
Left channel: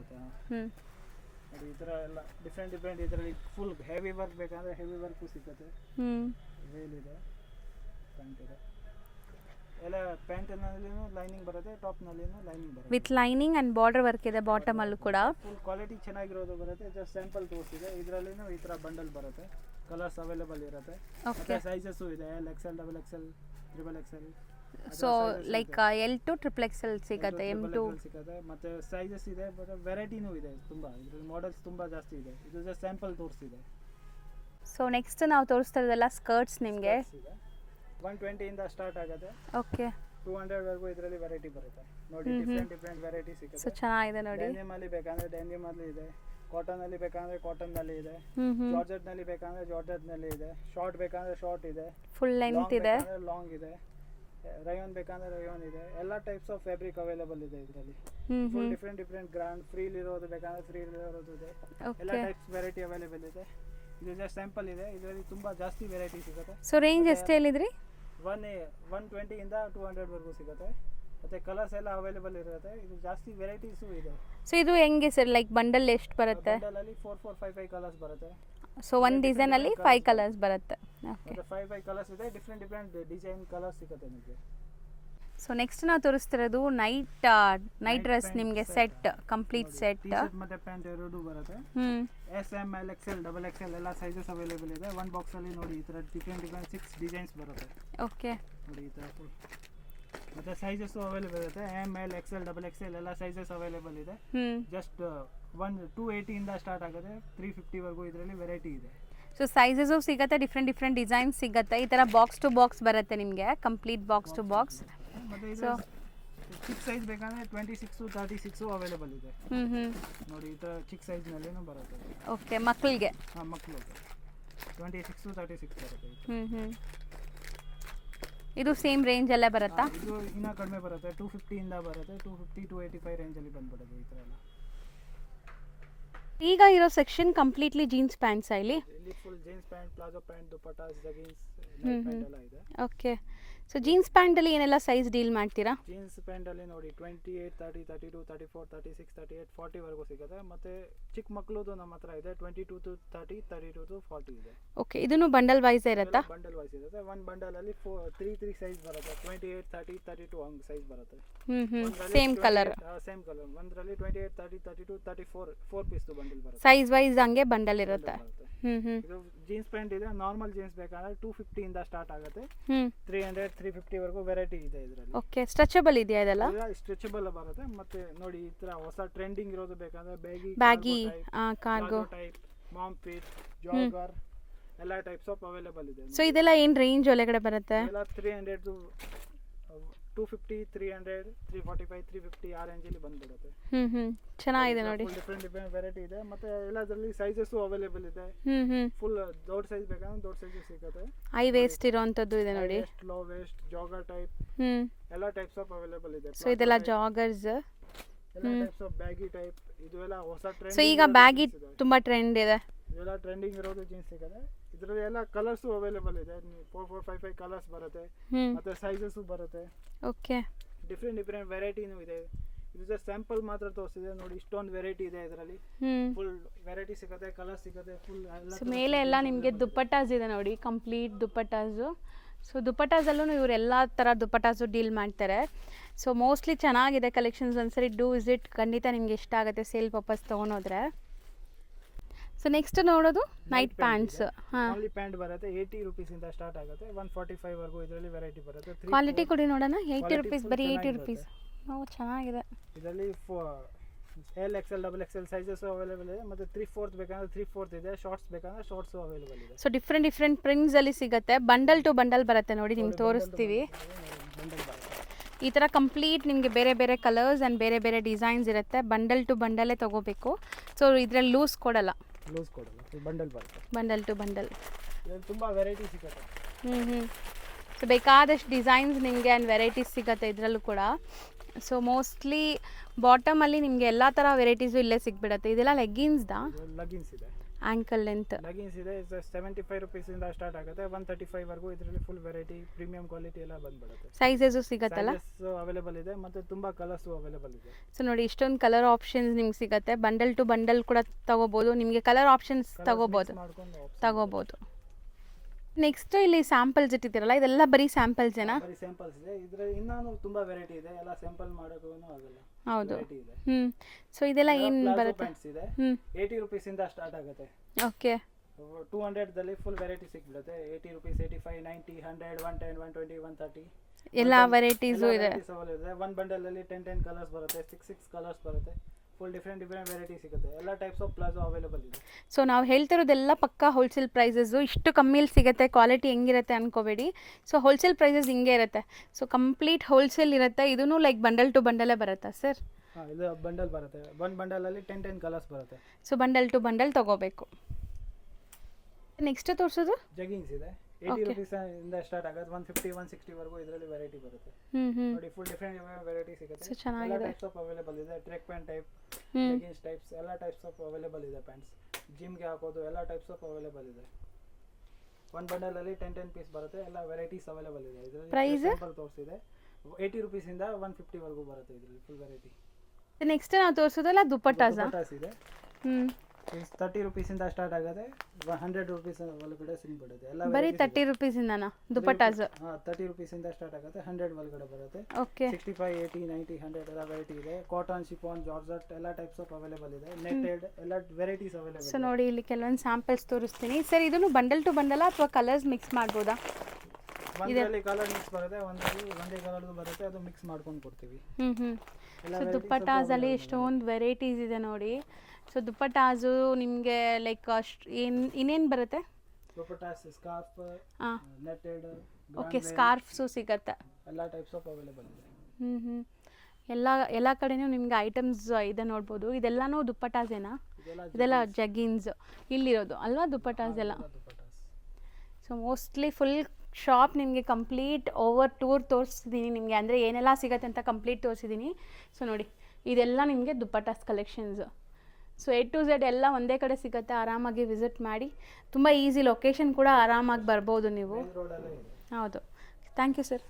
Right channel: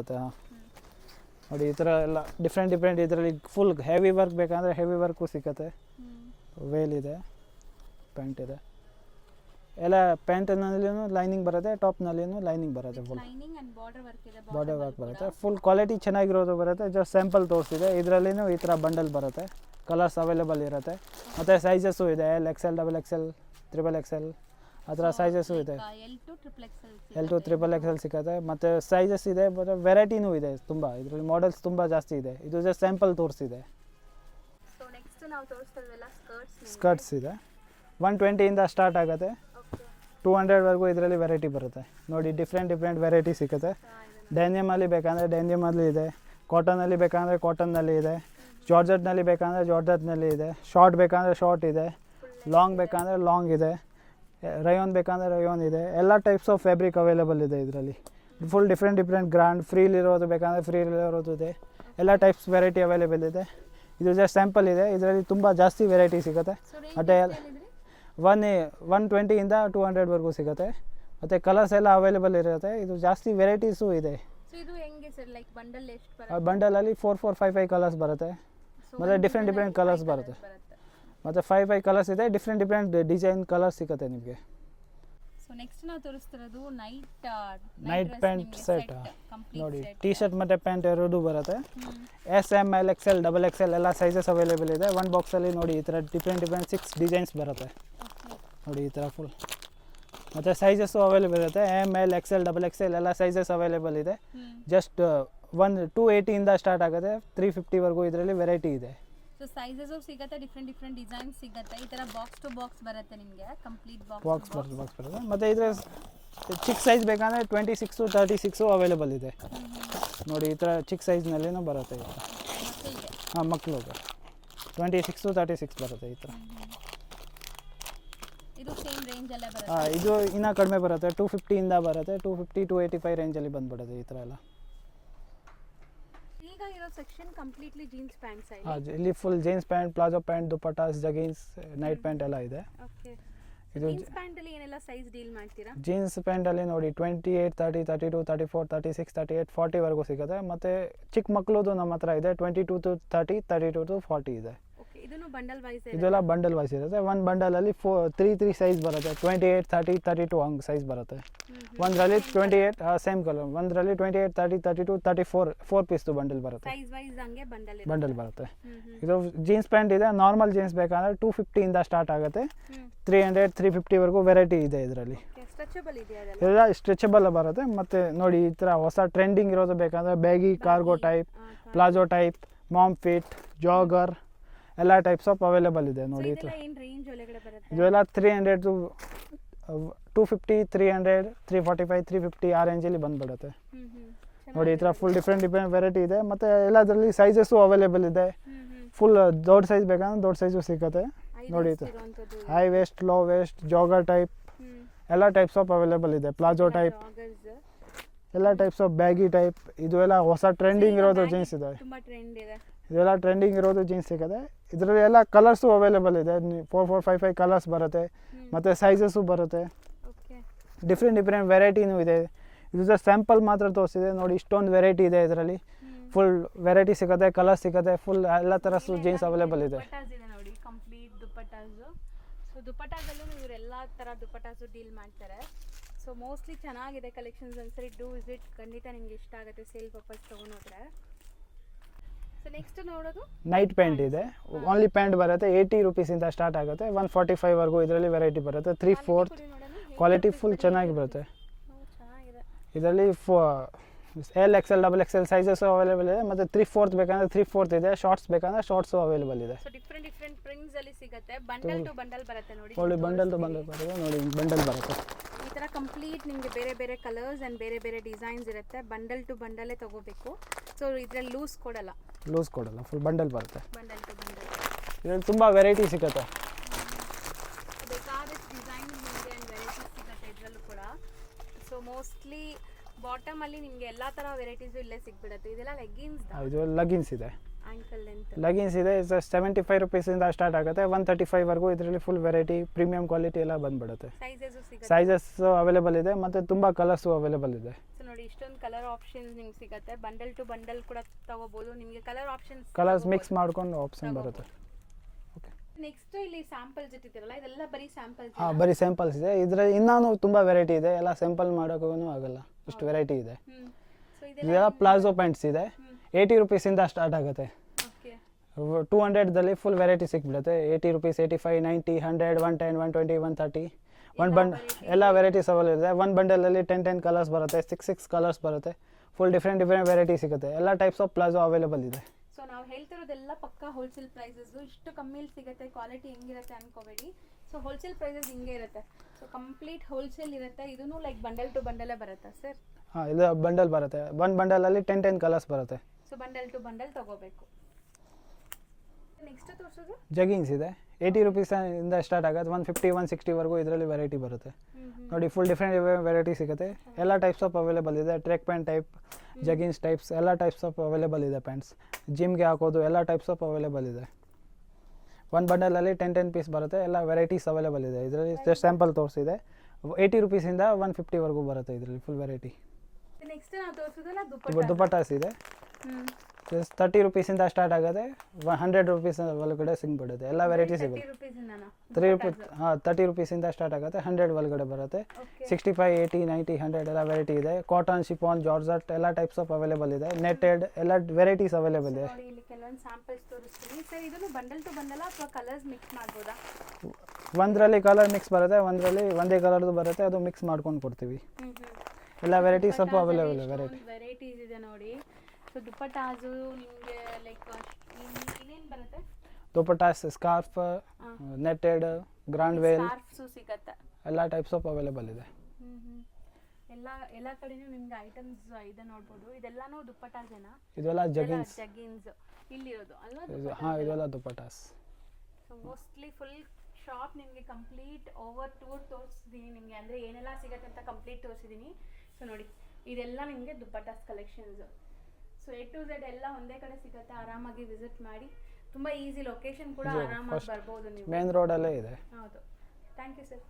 ನೋಡಿ ಈ ಥರ ಎಲ್ಲ ಡಿಫ್ರೆಂಟ್ ಇದರಲ್ಲಿ ಫುಲ್ ಹೆವಿ ವರ್ಕ್ ಬೇಕಂದ್ರೆ ಹೆವಿ ವರ್ಕು ಸಿಗುತ್ತೆ. ವೇಲ್ ಇದೆ, ಪ್ಯಾಂಟ್ ಇದೆ. ಎಲ್ಲ ಪ್ಯಾಂಟ್ನಲ್ಲಿನೂ ಲೈನಿಂಗ್ ಬರುತ್ತೆ, ಟಾಪ್ನಲ್ಲಿನೂ ಲೈನಿಂಗ್ ಬರುತ್ತೆ. With lining and border work ಇದೆ ಬಾಟಮ್ ಅಲ್ಲೂ ಕೂಡ. ಫುಲ್ ಕ್ವಾಲಿಟಿ ಚೆನ್ನಾಗಿರೋದು ಬರುತ್ತೆ. ಜಸ್ಟ್ ಸ್ಯಾಂಪಲ್ ತೋರಿಸಿದೆ. ಇದರಲ್ಲಿನೂ ಈ ಥರ ಬಂಡಲ್ ಬರುತ್ತೆ, ಕಲರ್ಸ್ ಅವೈಲೇಬಲ್ ಇರುತ್ತೆ. ಮತ್ತೆ ಸೈಜಸ್ಸು ಇದೆ, L, XL, XXL, XXL ಆ ಥರ ಸೈಜಸ್ ಇದೆ. L2, XXL ಸಿಗುತ್ತೆ. ಮತ್ತೆ ಸೈಜಸ್ ಇದೆ, ಬಟ್ ವೆರೈಟಿನೂ ಇದೆ ತುಂಬಾ. ಇದರಲ್ಲಿ ಮಾಡೆಲ್ಸ್ ತುಂಬಾ ಜಾಸ್ತಿ ಇದೆ. ಇದು ಜಸ್ಟ್ ಸ್ಯಾಂಪಲ್ ತೋರಿಸಿದೆ. ಸೊ ನೆಕ್ಸ್ಟ್ ನಾವು ತೋರಿಸ್ತಾ ಇರೋದೆಲ್ಲ ಸ್ಕರ್ಟ್ಸ್ ನಿಮಗೆ. ಸ್ಕರ್ಟ್ಸ್ ಇದೆ, 120 ಇಂದ ಸ್ಟಾರ್ಟ್ ಆಗುತ್ತೆ. ಓಕೆ, 200 ವರೆಗೂ ಇದರಲ್ಲಿ ವೆರೈಟಿ ಬರುತ್ತೆ. ನೋಡಿ ಡಿಫ್ರೆಂಟ್ ವೆರೈಟಿ ಸಿಗುತ್ತೆ. ಚೆನ್ನಾಗಿದೆ ನೋಡಿ. ಡೆನಿಮ್ ಅಲ್ಲಿ ಬೇಕಂದ್ರೆ ಡೆನಿಮ್ ಅಲ್ಲಿ ಇದೆ, ಕಾಟನಲ್ಲಿ ಬೇಕಂದರೆ ಕಾಟನ್ನಲ್ಲಿ ಇದೆ, ಜಾರ್ಜೆಟ್ನಲ್ಲಿ ಬೇಕಂದರೆ ಜಾರ್ಜೆಟ್ನಲ್ಲಿ ಇದೆ, ಶಾರ್ಟ್ ಬೇಕಂದರೆ ಶಾರ್ಟ್ ಇದೆ, ಫುಲ್ ಲಾಂಗ್ ಲೆಂತ್ ಇದೆ. ಬೇಕಂದರೆ ಲಾಂಗ್ ಇದೆ, ರಯೋನ್ ಬೇಕಂದರೆ ರಯೋನ್ ಇದೆ. ಎಲ್ಲ ಟೈಪ್ಸ್ ಆಫ್ ಫ್ಯಾಬ್ರಿಕ್ ಅವೈಲೇಬಲ್ ಇದೆ ಇದರಲ್ಲಿ. ಫುಲ್ ಡಿಫ್ರೆಂಟ್ ಗ್ರ್ಯಾಂಡ್ ಫ್ರೀಲಿರೋದು ಬೇಕಂದರೆ ಫ್ರೀಲಿರೋದು ಇದೆ. ಎಲ್ಲ ಟೈಪ್ಸ್ ವೆರೈಟಿ ಅವೈಲೇಬಲ್ ಇದೆ. ಇದು ಜಸ್ಟ್ ಸ್ಯಾಂಪಲ್ ಇದೆ, ಇದರಲ್ಲಿ ತುಂಬ ಜಾಸ್ತಿ ವೆರೈಟಿ ಸಿಗುತ್ತೆ. ಸೊ ರೇಂಜ್ ಮತ್ತೆ ಎಷ್ಟು ಹೇಳಿದ್ರಿ? 120 ಇಂದ 200ವರೆಗೂ ಸಿಗುತ್ತೆ. ಮತ್ತು ಕಲರ್ಸ್ ಎಲ್ಲ ಅವೈಲೇಬಲ್ ಇರುತ್ತೆ. ಇದು ಜಾಸ್ತಿ ವೆರೈಟೀಸು ಇದೆ. ಸೊ ಇದು ಹೆಂಗೆ ಸರ್, ಲೈಕ್ ಬಂಡಲ್ ಎಷ್ಟು ಬರುತ್ತೆ? ಬಂಡಲಲ್ಲಿ 4 5 ಕಲರ್ಸ್ ಬರುತ್ತೆ. ಸೊ ಒಂದು different ಡಿಸೈನ್ ಅಲ್ಲಿ different 5 colours ಕಲರ್ಸ್ ಬರುತ್ತೆ. ಮತ್ತು 5 ಕಲರ್ಸ್ ಇದೆ. ಡಿಫ್ರೆಂಟ್ ಡಿಸೈನ್ ಕಲರ್ಸ್ ಸಿಗುತ್ತೆ ನಿಮಗೆ. ಸೊ ನೆಕ್ಸ್ಟ್ ನಾವು ತೋರಿಸ್ತಿರೋದು ನೈಟ್ ಡ್ರೆಸ್ ನಿಮಗೆ set, complete set. T shirt ಮತ್ತು ಪ್ಯಾಂಟ್ ಎರಡೂ ಬರುತ್ತೆ. Hmm S M L XL XXL ಎಲ್ಲ ಸೈಜಸ್ ಅವೈಲೇಬಲ್ ಇದೆ. ಒಂದು ಬಾಕ್ಸಲ್ಲಿ ನೋಡಿ ಈ ಥರ ಡಿಫ್ರೆಂಟ್ 6 ಡಿಸೈನ್ಸ್ ಬರುತ್ತೆ. ಓಕೆ. ನೋಡಿ ಈ ಥರ ಫುಲ್. ಮತ್ತು ಸೈಜಸ್ಸು ಅವೈಲೇಬಲ್ ಇರುತ್ತೆ. ML XL XXL ಎಲ್ಲ ಸೈಜಸ್ ಅವೈಲೇಬಲ್ ಇದೆ. ಜಸ್ಟ್ 280 ಇಂದ ಸ್ಟಾರ್ಟ್ ಆಗುತ್ತೆ, 350ವರೆಗೂ ಇದರಲ್ಲಿ ವೆರೈಟಿ ಇದೆ. ಸೊ ಸೈಜಸ್ಸು ಸಿಗುತ್ತೆ, ಡಿಫ್ರೆಂಟ್ ಡಿಸೈನ್ ಸಿಗುತ್ತೆ. ಈ ಥರ ಬಾಕ್ಸ್ ಟು ಬಾಕ್ಸ್ ಬರುತ್ತೆ ನಿಮಗೆ, ಕಂಪ್ಲೀಟ್ ಬಾಕ್ಸ್ ಟು ಬಾಕ್ಸ್. ಮತ್ತು ಇದು ಚಿಕ್ಕ ಸೈಜ್ ಬೇಕಂದರೆ 26 36 ಅವೈಲೇಬಲ್ ಇದೆ. ನೋಡಿ ಈ ಥರ ಚಿಕ್ಕ ಸೈಜ್ನಲ್ಲಿನೂ ಬರುತ್ತೆ. ಓಕೆ, ಮಕ್ಕಳಿಗೆ. ಹಾಂ, ಮಕ್ಕಳಿಗೆ 26 36 ಬರುತ್ತೆ ಈ ಥರ. ಇದು ಸೇಮ್ ರೇಂಜ್ ಅಲ್ಲೇ ಬರುತ್ತಾ? ಇದು ಇನ್ನೂ ಕಡಿಮೆ ಬರುತ್ತೆ, 250 ಇಂದ ಬರುತ್ತೆ. 250 285 ರೇಂಜಲ್ಲಿ ಬಂದ್ಬಿಡುತ್ತೆ ಈ ಥರ ಎಲ್ಲ. ಈಗ ಇರೋ ಸೆಕ್ಷನ್ ಕಂಪ್ಲೀಟ್ಲಿ ಜೀನ್ಸ್ ಪ್ಯಾಂಟ್ಸ್ ಇಲ್ಲಿ full jeans pant, palazzo pant, dupattas, ಜಗಿನ್ಸ್, night pant ಎಲ್ಲ ಇದೆ. ಓಕೆ. ಸೊ ಜೀನ್ಸ್ ಪ್ಯಾಂಟ್ ಅಲ್ಲಿ ಏನೆಲ್ಲ ಸೈಜ್ ಡೀಲ್ ಮಾಡ್ತೀರಾ? ಜೀನ್ಸ್ ಪ್ಯಾಂಟ್ ಅಲ್ಲಿ ನೋಡಿ 28 30 32 34 36 38 40 ವರೆಗೂ ಸಿಗುತ್ತೆ. ಮತ್ತೆ ಚಿಕ್ಕ ಮಕ್ಕಳದು ನಮ್ಮ ಹತ್ರ ಇದೆ 22 to 30 32 to 40 ಇದೆ. ಓಕೆ, ಇದನ್ನು ಬಂಡಲ್ ವೈಸ್ ಇದೆಲ್ಲ ಇರುತ್ತಾ? ಬಂಡಲ್ ವೈಸ್ ಇರುತ್ತೆ. ಒಂದು ಬಂಡಲ್ ಅಲ್ಲಿ 3 ಸೈಜ್ ಬರುತ್ತೆ. 28 30 32 ಹಂಗ್ ಸೈಜ್ ಬರುತ್ತೆ. ಒಂದರಲ್ಲಿ 28 ಸೇಮ್ ಕಲರ್, ಒಂದರಲ್ಲಿ 28 30 32 34 4 ಪೀಸ್ ಬಂಡಲ್ ಬರುತ್ತೆ. ಸೈಜ್ ವೈಸ್ ಹಂಗೆ ಬಂಡಲ್ ಇರುತ್ತೆ. ಬರುತ್ತೆ. ಇದು ಜೀನ್ಸ್ ಪ್ಯಾಂಟ್ ಇದೆ. ನಾರ್ಮಲ್ ಜೀನ್ಸ್ ಬೇಕಂದ್ರೆ 250 ಇಂದ ಸ್ಟಾರ್ಟ್ ಆಗುತ್ತೆ. 300 350 ವರೆಗೂ ವೆರೈಟಿ ಇದೆ ಇದರಲ್ಲಿ. ಓಕೆ, ಸ್ಟ್ರೆಚಬಲ್ ಇದೆಯಾ ಇದೆಲ್ಲ? ಎಲ್ಲ ಸ್ಟ್ರೆಚಬಲ್ ಬರುತ್ತೆ. ಮತ್ತೆ ನೋಡಿ ಈ ತರ ಹೊಸ ಟ್ರೆಂಡಿಂಗ್ ಇರೋದು ಬೇಕಂದ್ರೆ baggy, cargo type, palazzo type, mom fit, jogger ಎಲ್ಲ ಟೈಪ್ಸ್ ಆಫ್ ಅವೈಲೇಬಲ್ ಇದೆ. ಸೊ ಇದೆಲ್ಲ ಏನ್ ರೇಂಜ್ ಒಳಗಡೆ ಬರುತ್ತೆ? ಇದೆಲ್ಲ 300 to 250 300 345 350 ಆ ರೇಂಜಲ್ಲಿ ಬಂದ್ಬಿಡುತ್ತೆ. ಚೆನ್ನಾಗಿದೆ. ಫುಲ್ ಡಿಫ್ರೆಂಟ್ ವೆರೈಟಿ ಇದೆ. ಮತ್ತೆ ಎಲ್ಲದರಲ್ಲಿ ಸೈಜಸ್ಸು ಅವೈಲೇಬಲ್ ಇದೆ. ಫುಲ್ ದೊಡ್ಡ ಸೈಜ್ ಬೇಕಂದ್ರೆ ದೊಡ್ಡ ಸೈಜು ಸಿಗುತ್ತೆ. ಹೈ ವೇಸ್ಟ್ ಇರೋಂತದ್ದು ಇದೆ. High waste, low waste, Jagr type ಎಲ್ಲ ಟೈಪ್ಸ್ ಆಫ್ ಅವೈಲೇಬಲ್ ಇದೆ. ಪ್ಲಾಜೋ ಟೈಪ್, ಜಾಗರ್ಸ್ ಎಲ್ಲ ಟೈಪ್ಸ್ ಆಫ್ ಬ್ಯಾಗಿ ಟೈಪ್. ಇದು ಎಲ್ಲ ಹೊಸ ಟ್ರೆಂಡಿಂಗ್ ಈಗ ಇರೋದು ಬ್ಯಾಗಿ ಜೀನ್ಸ್ ಇದೆ. ತುಂಬಾ ಟ್ರೆಂಡ್ ಇದೆ. ಇದೆಲ್ಲ ಟ್ರೆಂಡಿಂಗ್ ಇರೋದು ಜೀನ್ಸ್ ಸಿಗುತ್ತೆ. ಇದರಲ್ಲಿ ಎಲ್ಲ ಕಲರ್ಸು ಅವೈಲೇಬಲ್ ಇದೆ. 4 4 5 5 ಕಲರ್ಸ್ ಬರುತ್ತೆ. ಮತ್ತೆ ಸೈಜಸ್ಸು ಬರುತ್ತೆ. ಓಕೆ, ಡಿಫ್ರೆಂಟ್ ವೆರೈಟಿನೂ ಇದೆ. ಇದು ಜಸ್ಟ್ ಸ್ಯಾಂಪಲ್ ಮಾತ್ರ ತೋರಿಸಿದೆ. ನೋಡಿ ಇಷ್ಟೊಂದು ವೆರೈಟಿ ಇದೆ ಇದರಲ್ಲಿ. ಫುಲ್ ವೆರೈಟಿ ಸಿಗುತ್ತೆ, ಕಲರ್ ಸಿಗುತ್ತೆ, ಫುಲ್ ಎಲ್ಲ ತರ ಜೀನ್ಸ್ ಅವೈಲೇಬಲ್ ಇದೆ. ದುಪಟ್ಟಾಸ್ ಇದೆ ನೋಡಿ, ಕಂಪ್ಲೀಟ್ ದುಪಟ್ಟಾಸು. ಸೊ ದುಪಟ್ಟಾಸಲ್ಲೂ ಇವ್ರು ಎಲ್ಲ ಥರ ದುಪಟ್ಟಾಸು ಡೀಲ್ ಮಾಡ್ತಾರೆ. ಸೊ ಮೋಸ್ಟ್ಲಿ ಚೆನ್ನಾಗಿದೆ ಕಲೆಕ್ಷನ್ಸ್. ಒಂದ್ಸರಿ ಡೂ ವಿಸಿಟ್, ಖಂಡಿತ ನಿಮ್ಗೆ ಇಷ್ಟ ಆಗುತ್ತೆ ಸೇಲ್ ಪರ್ಪಸ್ ತೊಗೊಂಡೋದ್ರೆ. ಸೊ ನೆಕ್ಸ್ಟ್ ನೋಡೋದು ನೈಟ್ ಪ್ಯಾಂಟ್ ಇದೆ. ಓನ್ಲಿ ಪ್ಯಾಂಟ್ ಬರುತ್ತೆ 80 ರೂಪೀಸ್ ಇಂದ ಸ್ಟಾರ್ಟ್ ಆಗುತ್ತೆ. 145 ವರೆಗೂ ಇದರಲ್ಲಿ ವೆರೈಟಿ ಬರುತ್ತೆ. 3 ಕ್ವಾಲಿಟಿ 4 ಕೊಡಿ ನೋಡೋಣ. ಕ್ವಾಲಿಟಿ ಫುಲ್ ಚೆನ್ನಾಗಿ ಬರುತ್ತೆ. ಚೆನ್ನಾಗಿದೆ. ಇದರಲ್ಲಿ L XL XXL sizes available ಇದೆ. ಮತ್ತೆ 3/4 ಬೇಕಂದ್ರೆ 3/4 ಇದೆ. ಶಾರ್ಟ್ಸ್ ಬೇಕಂದ್ರೆ ಶಾರ್ಟ್ಸ್ ಅವೈಲೇಬಲ್ ಇದೆ. ಸೊ ಡಿಫ್ರೆಂಟ್ ಪ್ರಿಂಟ್ಸ್ ಅಲ್ಲಿ ಸಿಗುತ್ತೆ. ಬಂಡಲ್ ಟು ಬಂಡಲ್ ಬರುತ್ತೆ ನೋಡಿ, ನಿಮ್ಗೆ ತೋರಿಸ್ತೀವಿ. ನೋಡಿ ಬಂಡಲ್ ಬರುತ್ತೆ. ಈ ಥರ ಕಂಪ್ಲೀಟ್ ನಿಮಗೆ ಬೇರೆ ಬೇರೆ ಕಲರ್ಸ್ ಆ್ಯಂಡ್ ಬೇರೆ ಬೇರೆ ಡಿಸೈನ್ಸ್ ಇರುತ್ತೆ. ಬಂಡಲ್ ಟು ಬಂಡಲ್ಲೇ ತೊಗೋಬೇಕು. ಸೊ ಇದರಲ್ಲಿ ಲೂಸ್ ಕೊಡಲ್ಲ, ಫುಲ್ ಬಂಡಲ್ ಬರುತ್ತೆ. ಬಂಡಲ್ ಟು ಬಂಡಲ್ ಇದರಲ್ಲಿ ತುಂಬ ವೆರೈಟಿ ಸಿಗುತ್ತೆ. ಸೊ ಬೇಕಾದಷ್ಟು ಡಿಸೈನ್ಸ್ ನಿಮಗೆ ಆ್ಯಂಡ್ ವೆರೈಟೀಸ್ ಸಿಗುತ್ತೆ ಇದರಲ್ಲೂ ಕೂಡ. ಸೊ ಮೋಸ್ಟ್ಲಿ ಬಾಟಮಲ್ಲಿ ನಿಮಗೆ ಎಲ್ಲ ಥರ ವೆರೈಟೀಸು ಇಲ್ಲೇ ಸಿಕ್ಬಿಡುತ್ತೆ. ಇದೆಲ್ಲ ಲೆಗ್ಗಿನ್ಸ್ದಾ? ಲಗಿನ್ಸ್ ಇದೆ, ಆ್ಯಂಕಲ್ ಲೆಂತ್ ಲಗಿನ್ಸ್ ಇದೆ. 75 ರೂಪೀಸಿಂದ ಸ್ಟಾರ್ಟ್ ಆಗುತ್ತೆ. 135 ವರೆಗೂ ಇದರಲ್ಲಿ ಫುಲ್ ವೆರೈಟಿ ಪ್ರೀಮಿಯಂ ಕ್ವಾಲಿಟಿ ಎಲ್ಲ ಬಂದ್ಬಿಡುತ್ತೆ. ಸೈಜಸ್ಸು ಸಿಗುತ್ತೆ, ಸೈಜಸ್ ಅವೈಲೇಬಲ್ ಇದೆ. ಮತ್ತು ತುಂಬ ಕಲರ್ಸು ಅವೈಲೇಬಲ್ ಇದೆ. ಸೊ ನೋಡಿ ಇಷ್ಟೊಂದು ಕಲರ್ ಆಪ್ಷನ್ಸ್ ನಿಮ್ಗೆ ಸಿಗುತ್ತೆ. ಬಂಡಲ್ ಟು ಬಂಡಲ್ ಕೂಡ ತಗೋಬೋದು. ನಿಮಗೆ ಕಲರ್ ಆಪ್ಷನ್ಸ್ ಮಿಕ್ಸ್ ಮಾಡ್ಕೊಂಡು ತಗೋಬೋದು. ನೆಕ್ಸ್ಟ್ ಇಲ್ಲಿ ಸ್ಯಾಂಪಲ್ಸ್ ಇಟ್ಟಿದ್ದೀರಲ್ಲ, ಇದೆಲ್ಲ ಬರೀ ಸ್ಯಾಂಪಲ್ಸ್ ಏನಾ? ಬರೀ ಸ್ಯಾಂಪಲ್ಸ್ ಇದೆ. ಇದರಲ್ಲಿ ಇನ್ನೂ ತುಂಬಾ ವೆರೈಟಿ ಇದೆ. ಎಲ್ಲ ಸ್ಯಾಂಪಲ್ ಮಾಡೋಕ್ಕೂ ಆಗಲ್ಲ, ಅಷ್ಟು ವೆರೈಟಿ ಇದೆ. ಸೊ ಇದೆಲ್ಲ ಪ್ಲಾಜೋ ಪ್ಯಾಂಟ್ಸ್ ಇದೆ. 80 ರೂಪೀಸಿಂದ ಸ್ಟಾರ್ಟ್ ಆಗುತ್ತೆ. ಓಕೆ, 200ದಲ್ಲಿ ಫುಲ್ ವೆರೈಟಿ ಸಿಕ್ಬಿಡುತ್ತೆ. 80 ರೂಪೀಸ್, 85 90 100 110 120 130 ಎಲ್ಲ ವೆರೈಟೀಸ್ ಅವೈಲೇಬಲ್ ಇದೆ. ಒಂದು ಬಂಡಲಲ್ಲಿ 10 ಕಲರ್ಸ್ ಬರುತ್ತೆ, 6 ಕಲರ್ಸ್ ಬರುತ್ತೆ. ಫುಲ್ ಡಿಫ್ರೆಂಟ್ ವೆರೈಟಿ ಸಿಗುತ್ತೆ. ಎಲ್ಲ ಟೈಪ್ಸ್ ಆಫ್ ಪ್ಲಾಜೋ ಅವೈಲೇಬಲ್ ಇದೆ. ಸೊ ನಾವು ಹೇಳ್ತಿರೋದೆಲ್ಲ ಪಕ್ಕಾ ಹೋಲ್ಸೇಲ್ ಪ್ರೈಸಸ್ಸು. ಇಷ್ಟು ಕಮ್ಮಿಲಿ ಸಿಗುತ್ತೆ, ಕ್ವಾಲಿಟಿ ಹೆಂಗಿರುತ್ತೆ ಅನ್ಕೋಬೇಡಿ. ಸೊ ಹೋಲ್ಸೇಲ್ ಪ್ರೈಸಸ್ ಹಿಂಗೆ ಇರುತ್ತೆ. ಸೊ ಕಂಪ್ಲೀಟ್ ಹೋಲ್ಸೇಲ್ ಇರುತ್ತೆ. ಇದೂ ಲೈಕ್ ಬಂಡಲ್ ಟು ಬಂಡಲೇ ಬರುತ್ತಾ ಸರ್? ಹಾಂ, ಇದು ಬಂಡಲ್ ಬರುತ್ತೆ. ಒಂದು ಬಂಡಲಲ್ಲಿ 10 ಕಲರ್ಸ್ ಬರುತ್ತೆ. ಸೊ ಬಂಡಲ್ ಟು ಬಂಡಲ್ ತೊಗೋಬೇಕು. ನೆಕ್ಸ್ಟ್ ತೋರಿಸೋದು ಜಗಿಂಗ್ಸ್ ಇದೆ. 80 ರುಪೀಸ್ ಇಂದ ಸ್ಟಾರ್ಟ್ ಆಗುತ್ತೆ. 150 160 ಇದರಲ್ಲಿ ವೆರೈಟಿ ಬರುತ್ತೆ. ನೋಡಿ, ಫುಲ್ ಡಿಫ್ರೆಂಟ್ ವೆರೈಟಿ ಸಿಗುತ್ತೆ. ಎಲ್ಲ ಟೈಪ್ಸ್ ಆಫ್ ಅವೈಲೇಬಲ್ ಇದೆ. ಟ್ರೆಕ್ ಪ್ಯಾಂಟ್ ಟೈಪ್, ಜಗಿಂಗ್ಸ್ ಟೈಪ್ಸ್, ಎಲ್ಲ ಟೈಪ್ಸ್ ಆಫ್ ಅವೈಲೇಬಲ್ ಇದೆ. ಪ್ಯಾಂಟ್ಸ್ ಜಿಮ್ಗೆ ಹಾಕೋದು ಎಲ್ಲ ಟೈಪ್ಸ್ ಆಫ್ ಅವೈಲೇಬಲ್ ಇದೆ. ಒಂದು ಬಂಡಲಲ್ಲಿ 10 ಪೀಸ್ ಬರುತ್ತೆ. ಎಲ್ಲ ವೆರೈಟೀಸ್ ಅವೈಲೇಬಲ್ ಇದೆ. ಇದರಲ್ಲಿ ಸ್ಯಾಂಪಲ್ ತೋರಿಸಿದೆ. 80 ರುಪೀಸಿಂದ 150 ಬರುತ್ತೆ ಇದರಲ್ಲಿ ಫುಲ್ ವೆರೈಟಿ. ನೆಕ್ಸ್ಟ್ ನಾವು ತೋರಿಸೋದಲ್ಲ ದುಪಟ್ಟಾಸ್ ಇದೆ. 30 ರುಪೀಸಿಂದ ಸ್ಟಾರ್ಟ್ ಆಗುತ್ತೆ. 100 ರುಪೀಸ್ ಒಳಗಡೆ ಸಿಗ್ಬಿಡುತ್ತೆ. ಎಲ್ಲ ವೆರೈಟೀಸ್ 30 ರುಪೀಸಿಂದನಾ ದುಪಟ್ಟಾಸ್? ಹಾಂ, 30 ರುಪೀಸಿಂದ ಸ್ಟಾರ್ಟ್ ಆಗುತ್ತೆ. 100 ಒಳಗಡೆ ಬರುತ್ತೆ. 65 80 90 100 ಎಲ್ಲ ವೆರೈಟಿ ಇದೆ. ಕಾಟನ್, ಶಿಫಾನ್, ಜಾರ್ಜೆಟ್ ಎಲ್ಲ ಟೈಪ್ಸ್ ಆಫ್ ಅವೈಲೇಬಲ್ ಇದೆ. ನೆಟೆಡ್ ಎಲ್ಲ ವೆರೈಟೀಸ್ ಅವೈಲೇಬಲ್ ಇದೆ. ನೋಡಿ, ಇಲ್ಲಿ ಕೆಲವೊಂದು ಸ್ಯಾಂಪಲ್ಸ್ ತೋರಿಸ್ತೀನಿ ಸರ್. ಇದನ್ನು ಬಂಡಲ್ ಟು ಬಂಡಲ ಅಥವಾ ಕಲರ್ಸ್ ಮಿಕ್ಸ್ ಮಾಡ್ಬೋದಾ? ಒಂದರಲ್ಲಿ ಕಲರ್ ಮಿಕ್ಸ್ ಬರುತ್ತೆ, ಒಂದರಲ್ಲಿ ಒಂದೇ ಕಲರ್ದು ಬರುತ್ತೆ. ಅದು ಮಿಕ್ಸ್ ಮಾಡ್ಕೊಂಡು ಕೊಡ್ತೀವಿ. ಎಲ್ಲ ವೆರೈಟೀಸ್ ಆಫ್ ಅವೈಲೇಬಲ್ ಇದೆ. ಎಷ್ಟೊಂದು ವೆರೈಟೀಸ್ ಇದೆ ನೋಡಿ. ಸೊ ದುಪಟ್ಟಾಸು ನಿಮಗೆ ಲೈಕ್ ಇನ್ನೇನು ಬರುತ್ತೆ? Dupattas, scarf, netted, grand veil, scarfs ಸಿಗುತ್ತೆ. ಎಲ್ಲ ಟೈಪ್ಸ್ ಆಫ್ ಅವೈಲೇಬಲ್ ಇದೆ. ಎಲ್ಲ ಕಡೆನೂ ನಿಮ್ಗೆ ಐಟಮ್ಸ್ ಇದೆ ನೋಡ್ಬೋದು. ಇದೆಲ್ಲನೂ ದುಪ್ಪಟ್ಟಾಸೇನಾ? ಇದೆಲ್ಲ ಜಗಿನ್ಸ್ ಇಲ್ಲಿರೋದು ಅಲ್ವಾ ದುಪ್ಪಟ್ಟಾಸ್ ಎಲ್ಲ? Dupattas. So mostly full shop ನಿಮಗೆ ಕಂಪ್ಲೀಟ್ ಓವರ್ ಟೂರ್ ತೋರಿಸಿದ್ದೀನಿ ನಿಮಗೆ. ಅಂದರೆ ಏನೆಲ್ಲ ಸಿಗುತ್ತೆ ಅಂತ ಕಂಪ್ಲೀಟ್ ತೋರಿಸಿದ್ದೀನಿ. ಸೊ ನೋಡಿ, ಇದೆಲ್ಲ ನಿಮಗೆ dupattas collections. So A to Z ಎಲ್ಲ ಒಂದೇ ಕಡೆ ಸಿಗುತ್ತೆ. ಆರಾಮಾಗಿ ವಿಸಿಟ್ ಮಾಡಿ. ತುಂಬ ಈಸಿ ಲೊಕೇಶನ್ ಕೂಡ ಆರಾಮಾಗಿ ಬರ್ಬೋದು ನೀವು. ಮೇನ್ ರೋಡಲ್ಲೇ ಇದೆ. ಹೌದು. Thank you sir.